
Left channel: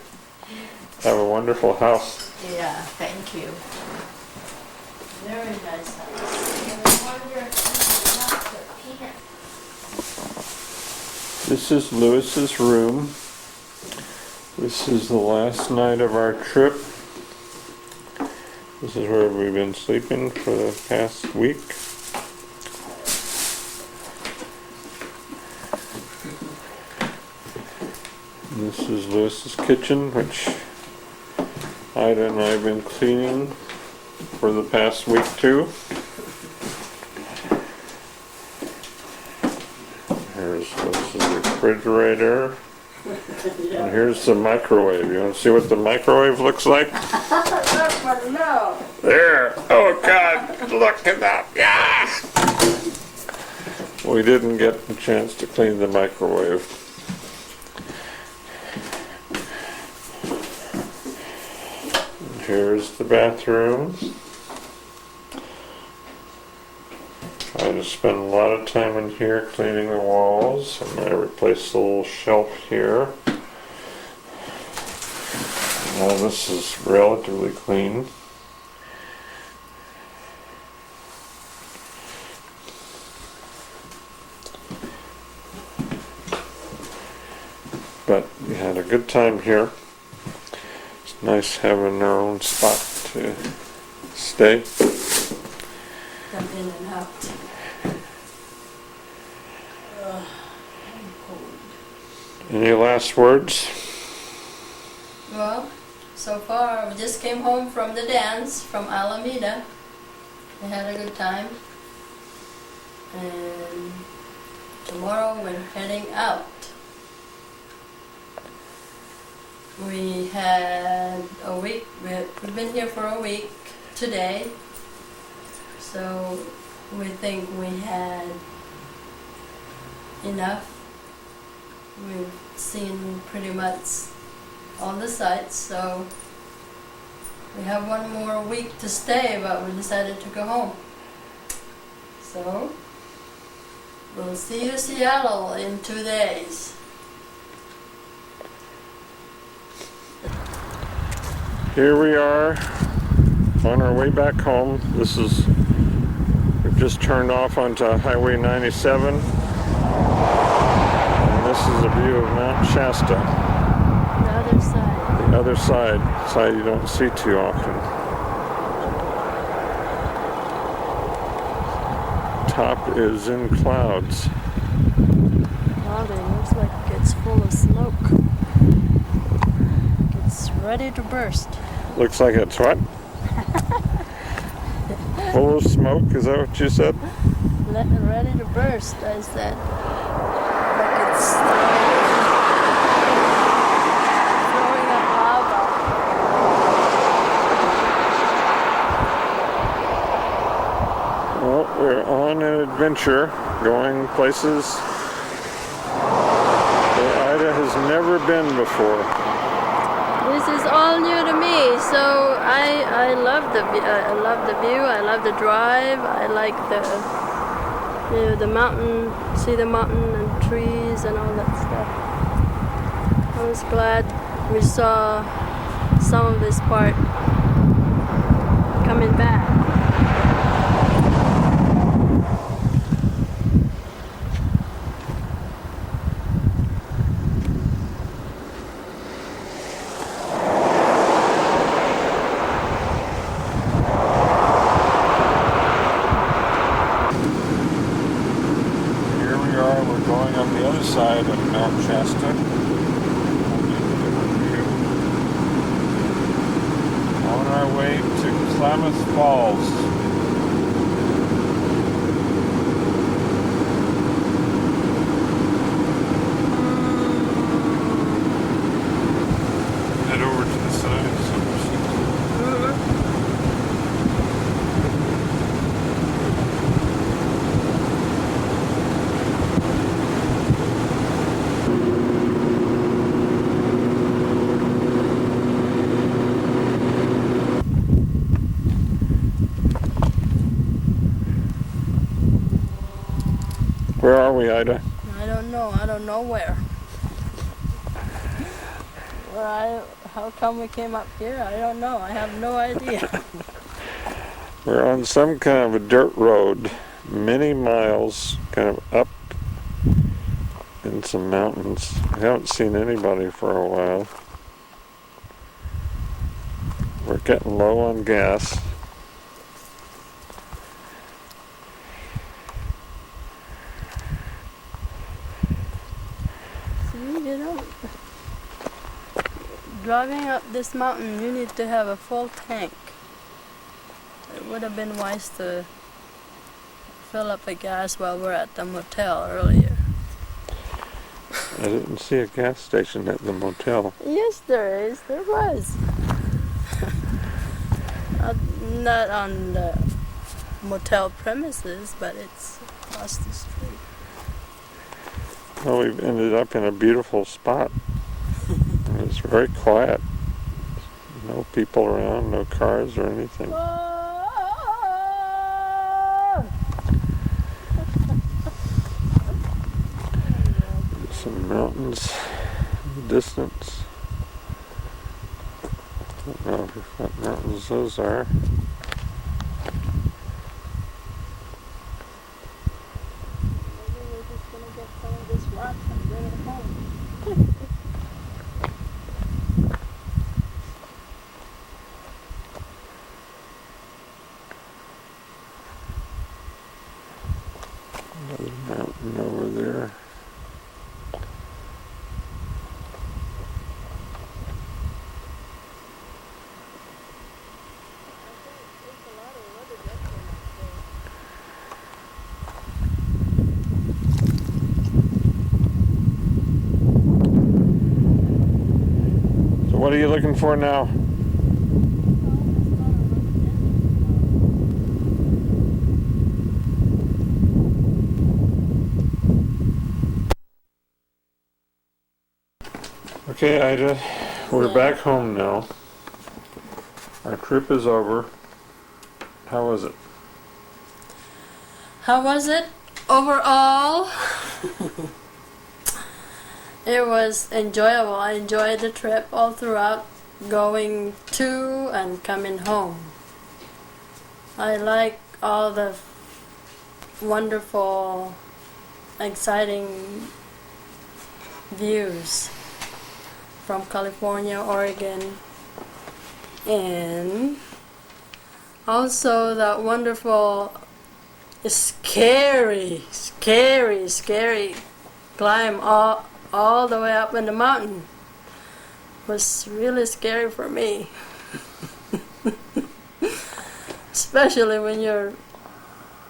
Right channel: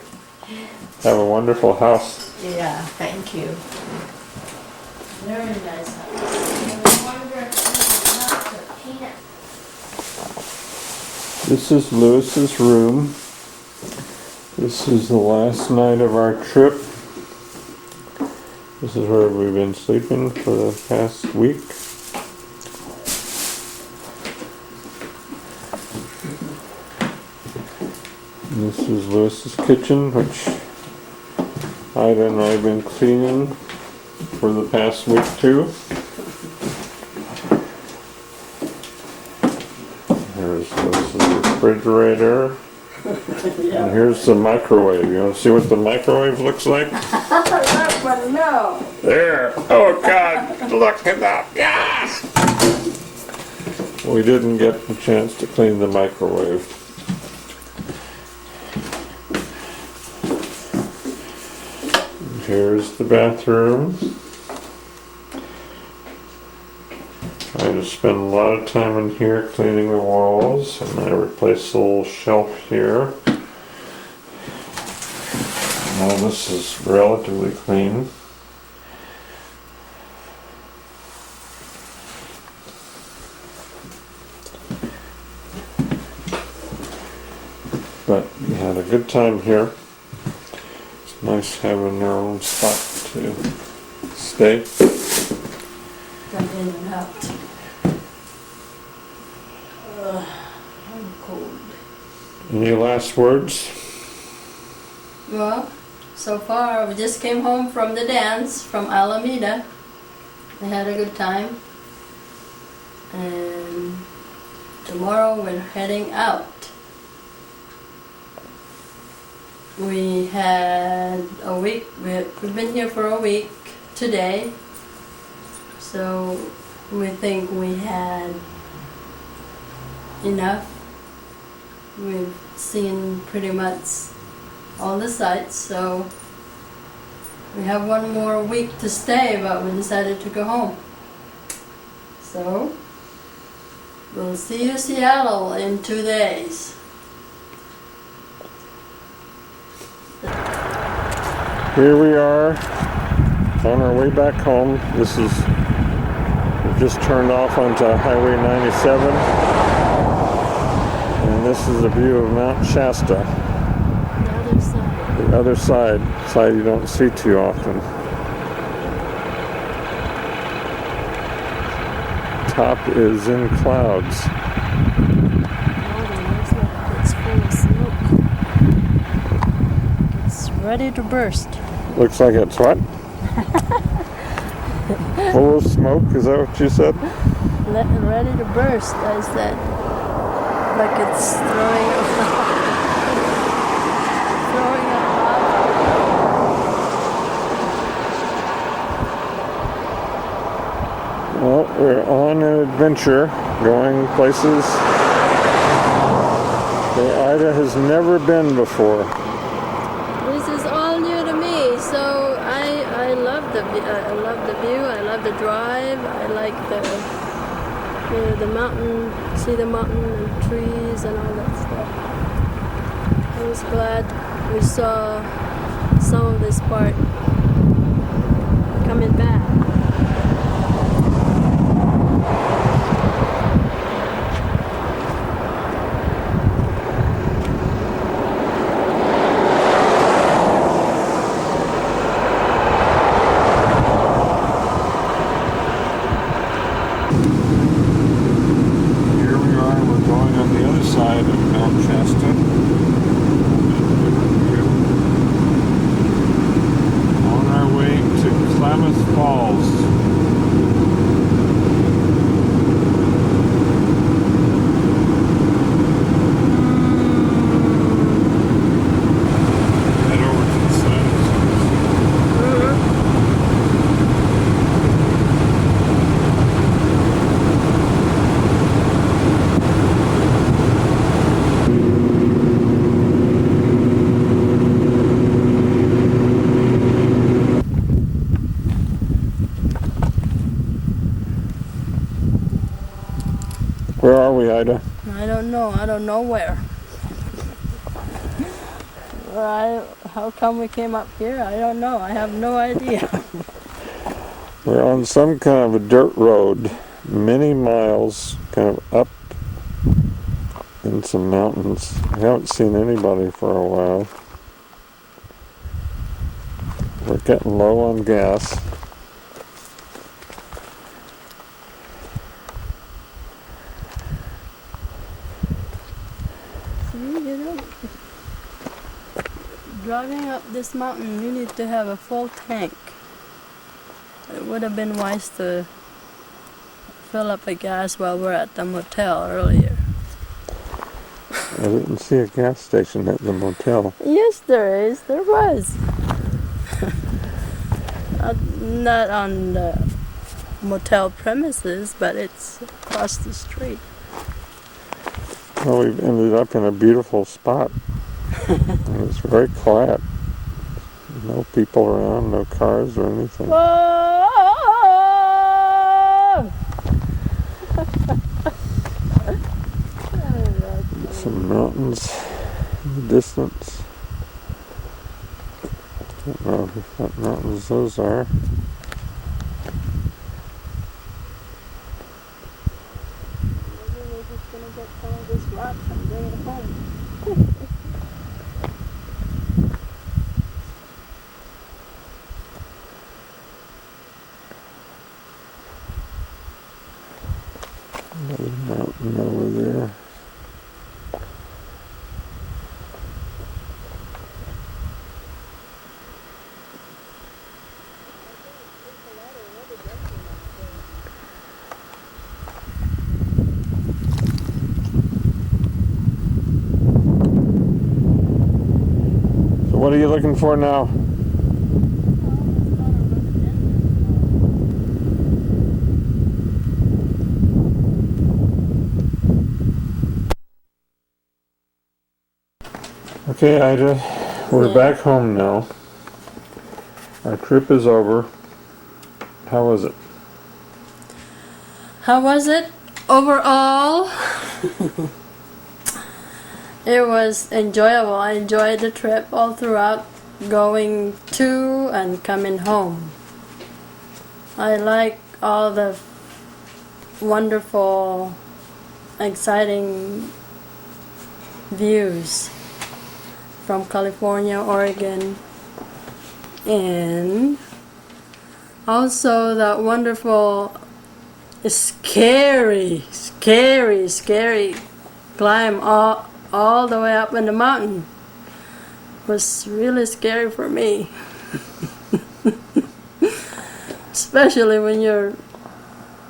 Have a wonderful house. Yeah, thank you. Very nice house. This is Lewis's room. This is the last night of our trip. This is where we've been sleeping for the past week. And this is Lewis's kitchen, which Ida and I have been cleaning for the past week too. Here's Lewis's refrigerator. And here's the microwave. You want to see what the microwave looks like? That one, no. There! Oh God! Look at that! Yeah! We didn't get a chance to clean the microwave. And here's the bathroom. I just spent a lot of time in here cleaning the walls, and I replaced the little shelf here. Now this is relatively clean. But we had a good time here. It's nice having our own spot to stay. Come in and out. Any last words? Well, so far we just came home from the dance from Alameda. We had a good time. And tomorrow we're heading out. We had a week, we've been here for a week today. So we think we had enough. We've seen pretty much all the sites, so we have one more week to stay, but we decided to go home. So we'll see you Seattle in 2 days. Here we are on our way back home. We've just turned off onto Highway 97, and this is a view of Mount Shasta. The other side you don't see too often. Top is in clouds. Oh, it looks like it's full of smoke. It's ready to burst. Looks like it's what? Full of smoke, is that what you said? Ready to burst, I said. Like it's throwing up lava. Well, we're on an adventure, going places where Ida has never been before. This is all new to me, so I love the view. I love the drive. I like the mountain, see the mountain and trees and all that stuff. I was glad we saw some of this part coming back. Side of Mount Shasta. On our way to Klamath Falls. Head over to the side. Where are we, Ida? I don't know. I don't know where. How come we came up here? I don't know. I have no idea. We're on some kind of a dirt road, many miles, kind of up in some mountains. I haven't seen anybody for a while. We're getting low on gas. Driving up this mountain, you need to have a full tank. It would have been wise to fill up a gas while we're at the motel earlier. I didn't see a gas station at the motel. Yes, there is. There was. Not on the motel premises, but it's across the street. Well, we've ended up in a beautiful spot. And it's very quiet. No people around, no cars or anything. Whoa! Some mountains in the distance. Don't know what mountains those are. Maybe we're just gonna get some of this rock and bring it home. Another mountain over there. So what are you looking for now? Okay, Ida, we're back home now. Our trip is over. How was it? How was it overall? It was enjoyable. I enjoyed the trip all throughout, going to and coming home. I like all the wonderful, exciting views from California, Oregon, and also that wonderful, scary climb all the way up in the mountain. Was really scary for me. Especially when you're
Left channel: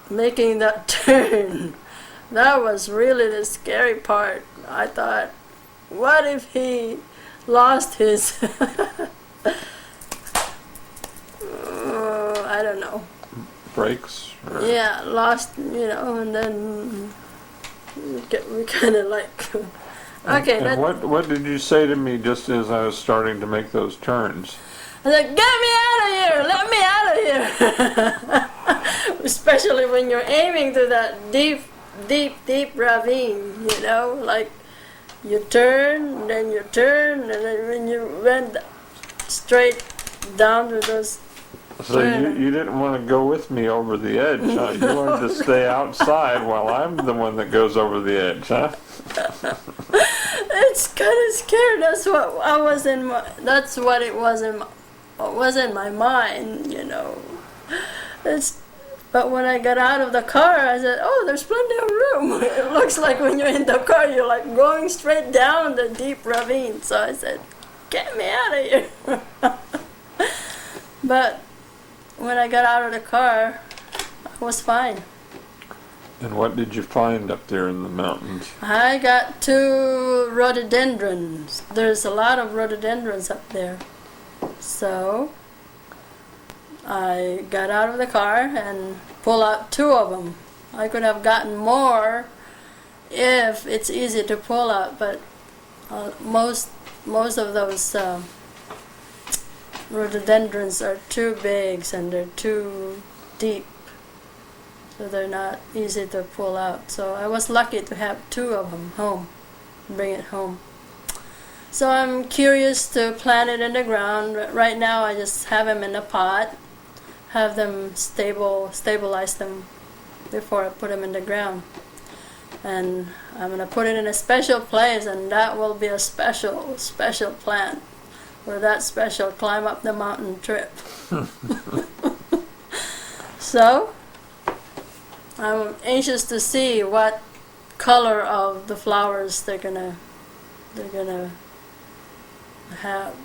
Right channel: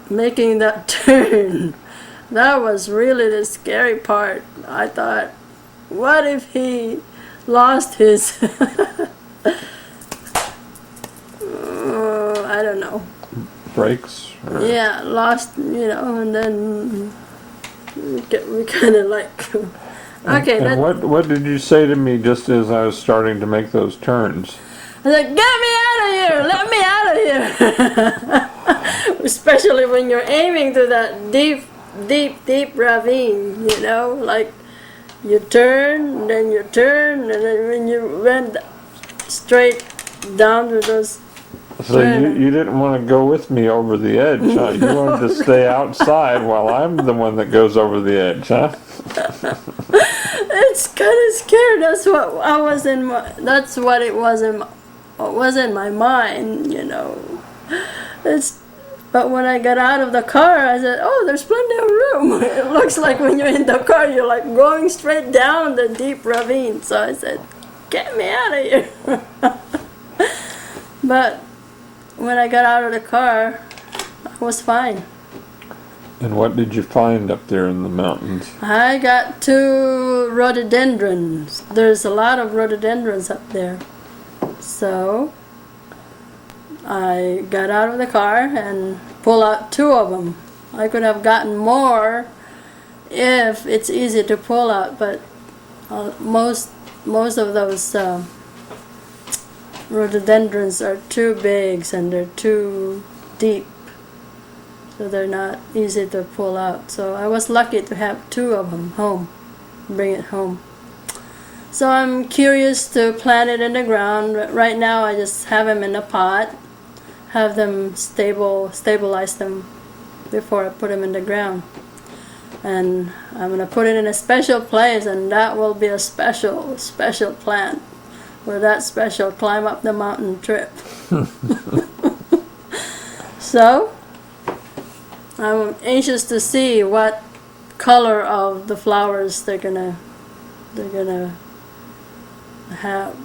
making that turn. That was really the scary part. I thought, what if he lost his I don't know, brakes? Yeah, lost, and then we kind of like okay. And what did you say to me just as I was starting to make those turns? I said, get me out of here, let me out of here. Especially when you're aiming through that deep ravine, like you turn, and then you turn, and then when you went straight down to those. So you didn't want to go with me over the edge, huh? You wanted to stay outside while I'm the one that goes over the edge, huh? It's kind of scary. That's what I was in. That's what it was in my mind, But when I got out of the car, I said, "Oh, there's plenty of room." It looks like when you're in the car, you're like going straight down the deep ravine. So I said, "Get me out of here." But when I got out of the car, I was fine. And what did you find up there in the mountains? I got 2 rhododendrons. There's a lot of rhododendrons up there. So I got out of the car and pulled out 2 of them. I could have gotten more if it's easy to pull out, but most of those rhododendrons are too big and they're too deep, so they're not easy to pull out. So I was lucky to have 2 of them home, bring it home. So I'm curious to plant it in the ground. Right now I just have them in a pot, have them stabilize them before I put them in the ground. And I'm going to put it in a special place, and that will be a special plant for that special climb up the mountain trip. So I'm anxious to see what color of the flowers they're gonna have.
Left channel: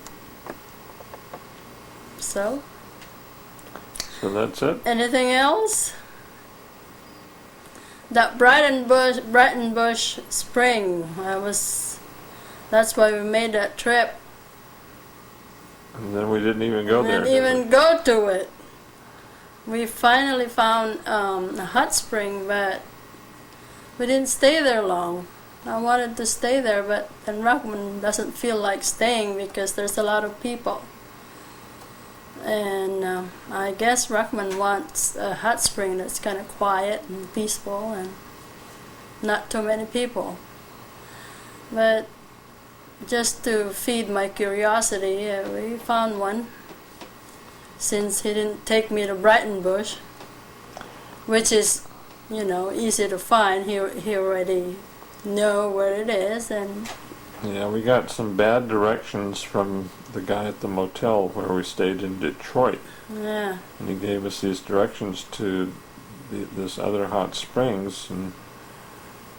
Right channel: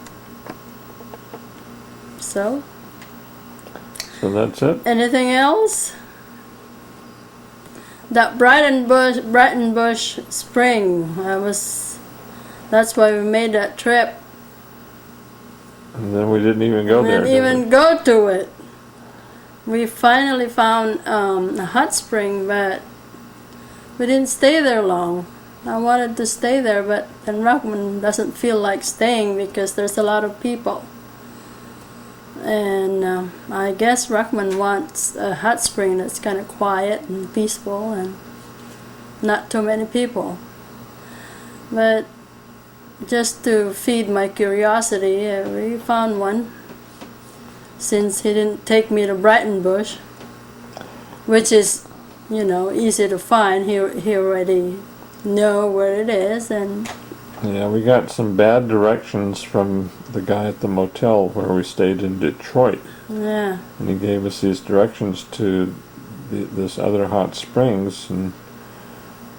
So that's it? Anything else? That Brighton Bush Spring, that's why we made that trip. And then we didn't even go there. We didn't even go to it. We finally found a hot spring, but we didn't stay there long. I wanted to stay there, but then Rockman doesn't feel like staying because there's a lot of people. And I guess Rockman wants a hot spring that's kind of quiet and peaceful and not too many people. But just to feed my curiosity, we found one. Since he didn't take me to Brighton Bush, which is, easy to find, he already know where it is. And yeah, we got some bad directions from the guy at the motel where we stayed in Detroit. Yeah. And he gave us these directions to this other hot springs, and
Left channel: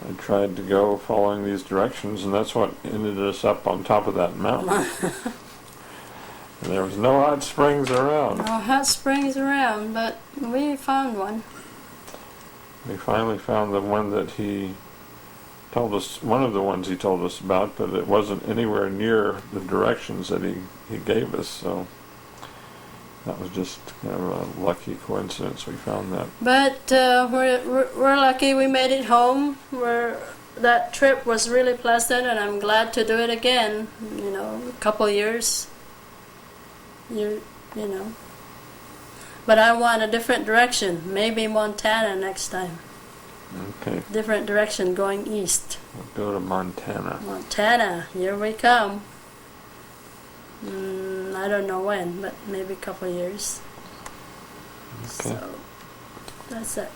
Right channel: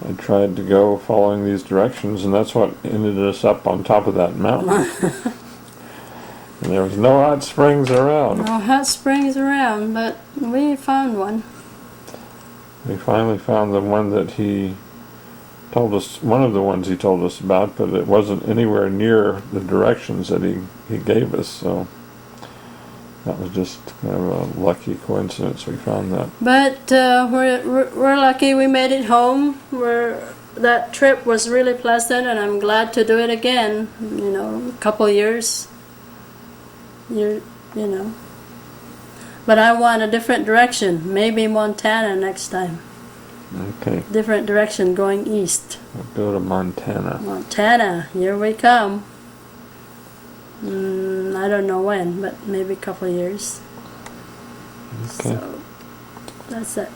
I tried to go following these directions, and that's what ended us up on top of that mountain. And there was no hot springs around. No hot springs around, but we found one. We finally found the one that he told us, one of the ones he told us about, but it wasn't anywhere near the directions that he gave us, so that was just kind of a lucky coincidence we found that. But we're lucky we made it home. That trip was really pleasant, and I'm glad to do it again. You know, a couple years. You know. But I want a different direction. Maybe Montana next time. Okay. Different direction, going east. We'll go to Montana. Montana, here we come. I don't know when, but maybe a couple of years. Okay. So, that's it.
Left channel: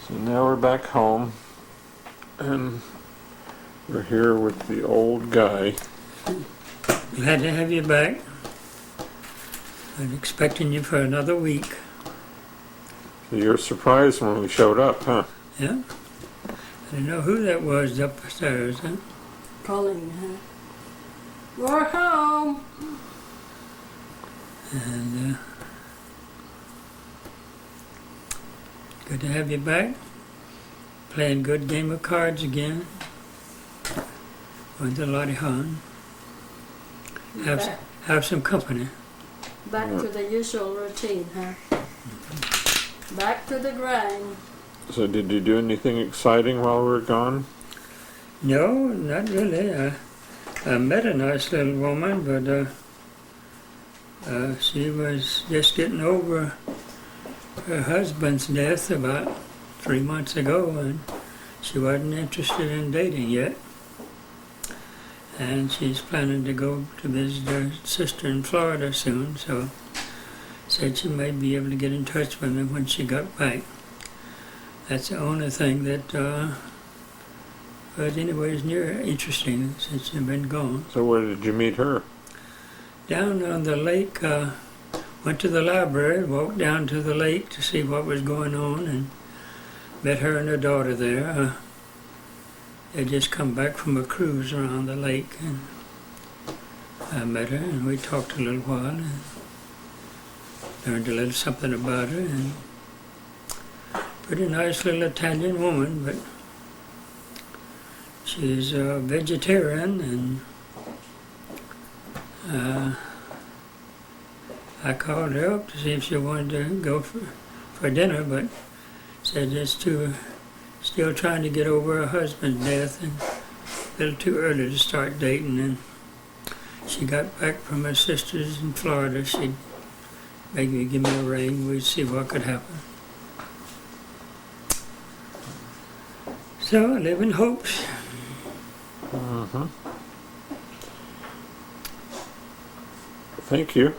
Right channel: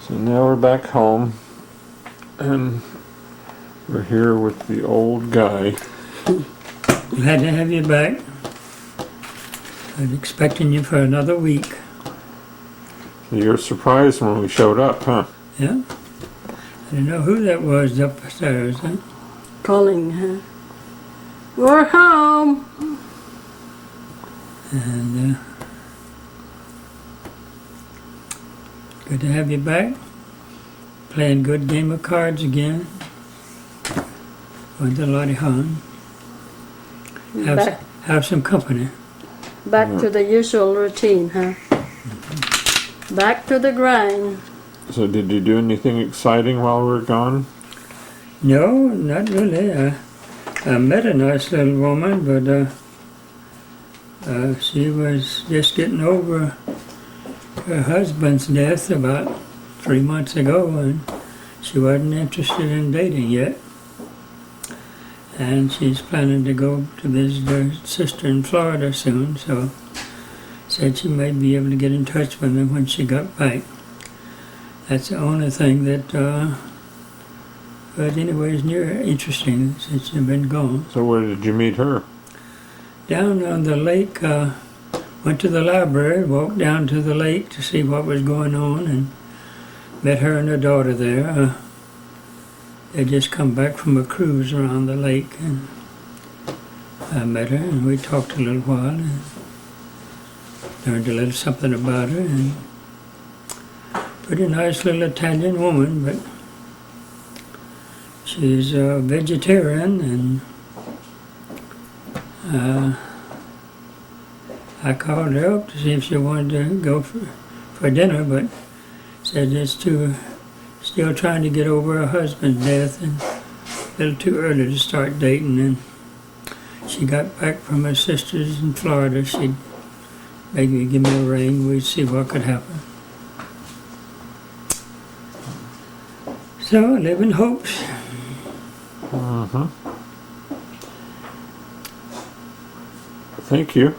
So now we're back home, and we're here with the old guy. Glad to have you back. I was expecting you for another week. So you were surprised when we showed up, huh? Yeah. I didn't know who that was upstairs, huh? Calling, huh? We're home! And good to have you back. Playing good game of cards again. Going to Lottie Hahn. Have some company. Back to the usual routine, huh? Back to the grind. So did you do anything exciting while we were gone? No, not really. I met a nice little woman, but she was just getting over her husband's death about 3 months ago, and she wasn't interested in dating yet. And she's planning to go to visit her sister in Florida soon, so said she may be able to get in touch with me when she got back. That's the only thing that, but anyway, is near interesting since you've been gone. So where did you meet her? Down on the lake, went to the library, walked down to the lake to see what was going on, and met her and her daughter there. They just come back from a cruise around the lake, and I met her, and we talked a little while, and learned a little something about her, and pretty nice little Italian woman, but she's a vegetarian, and I called her up to see if she wanted to go for dinner, but said it's still trying to get over her husband's death and a little too early to start dating. And she got back from her sisters in Florida. She'd maybe give me a ring. We'd see what could happen. So I live in hopes. Thank you.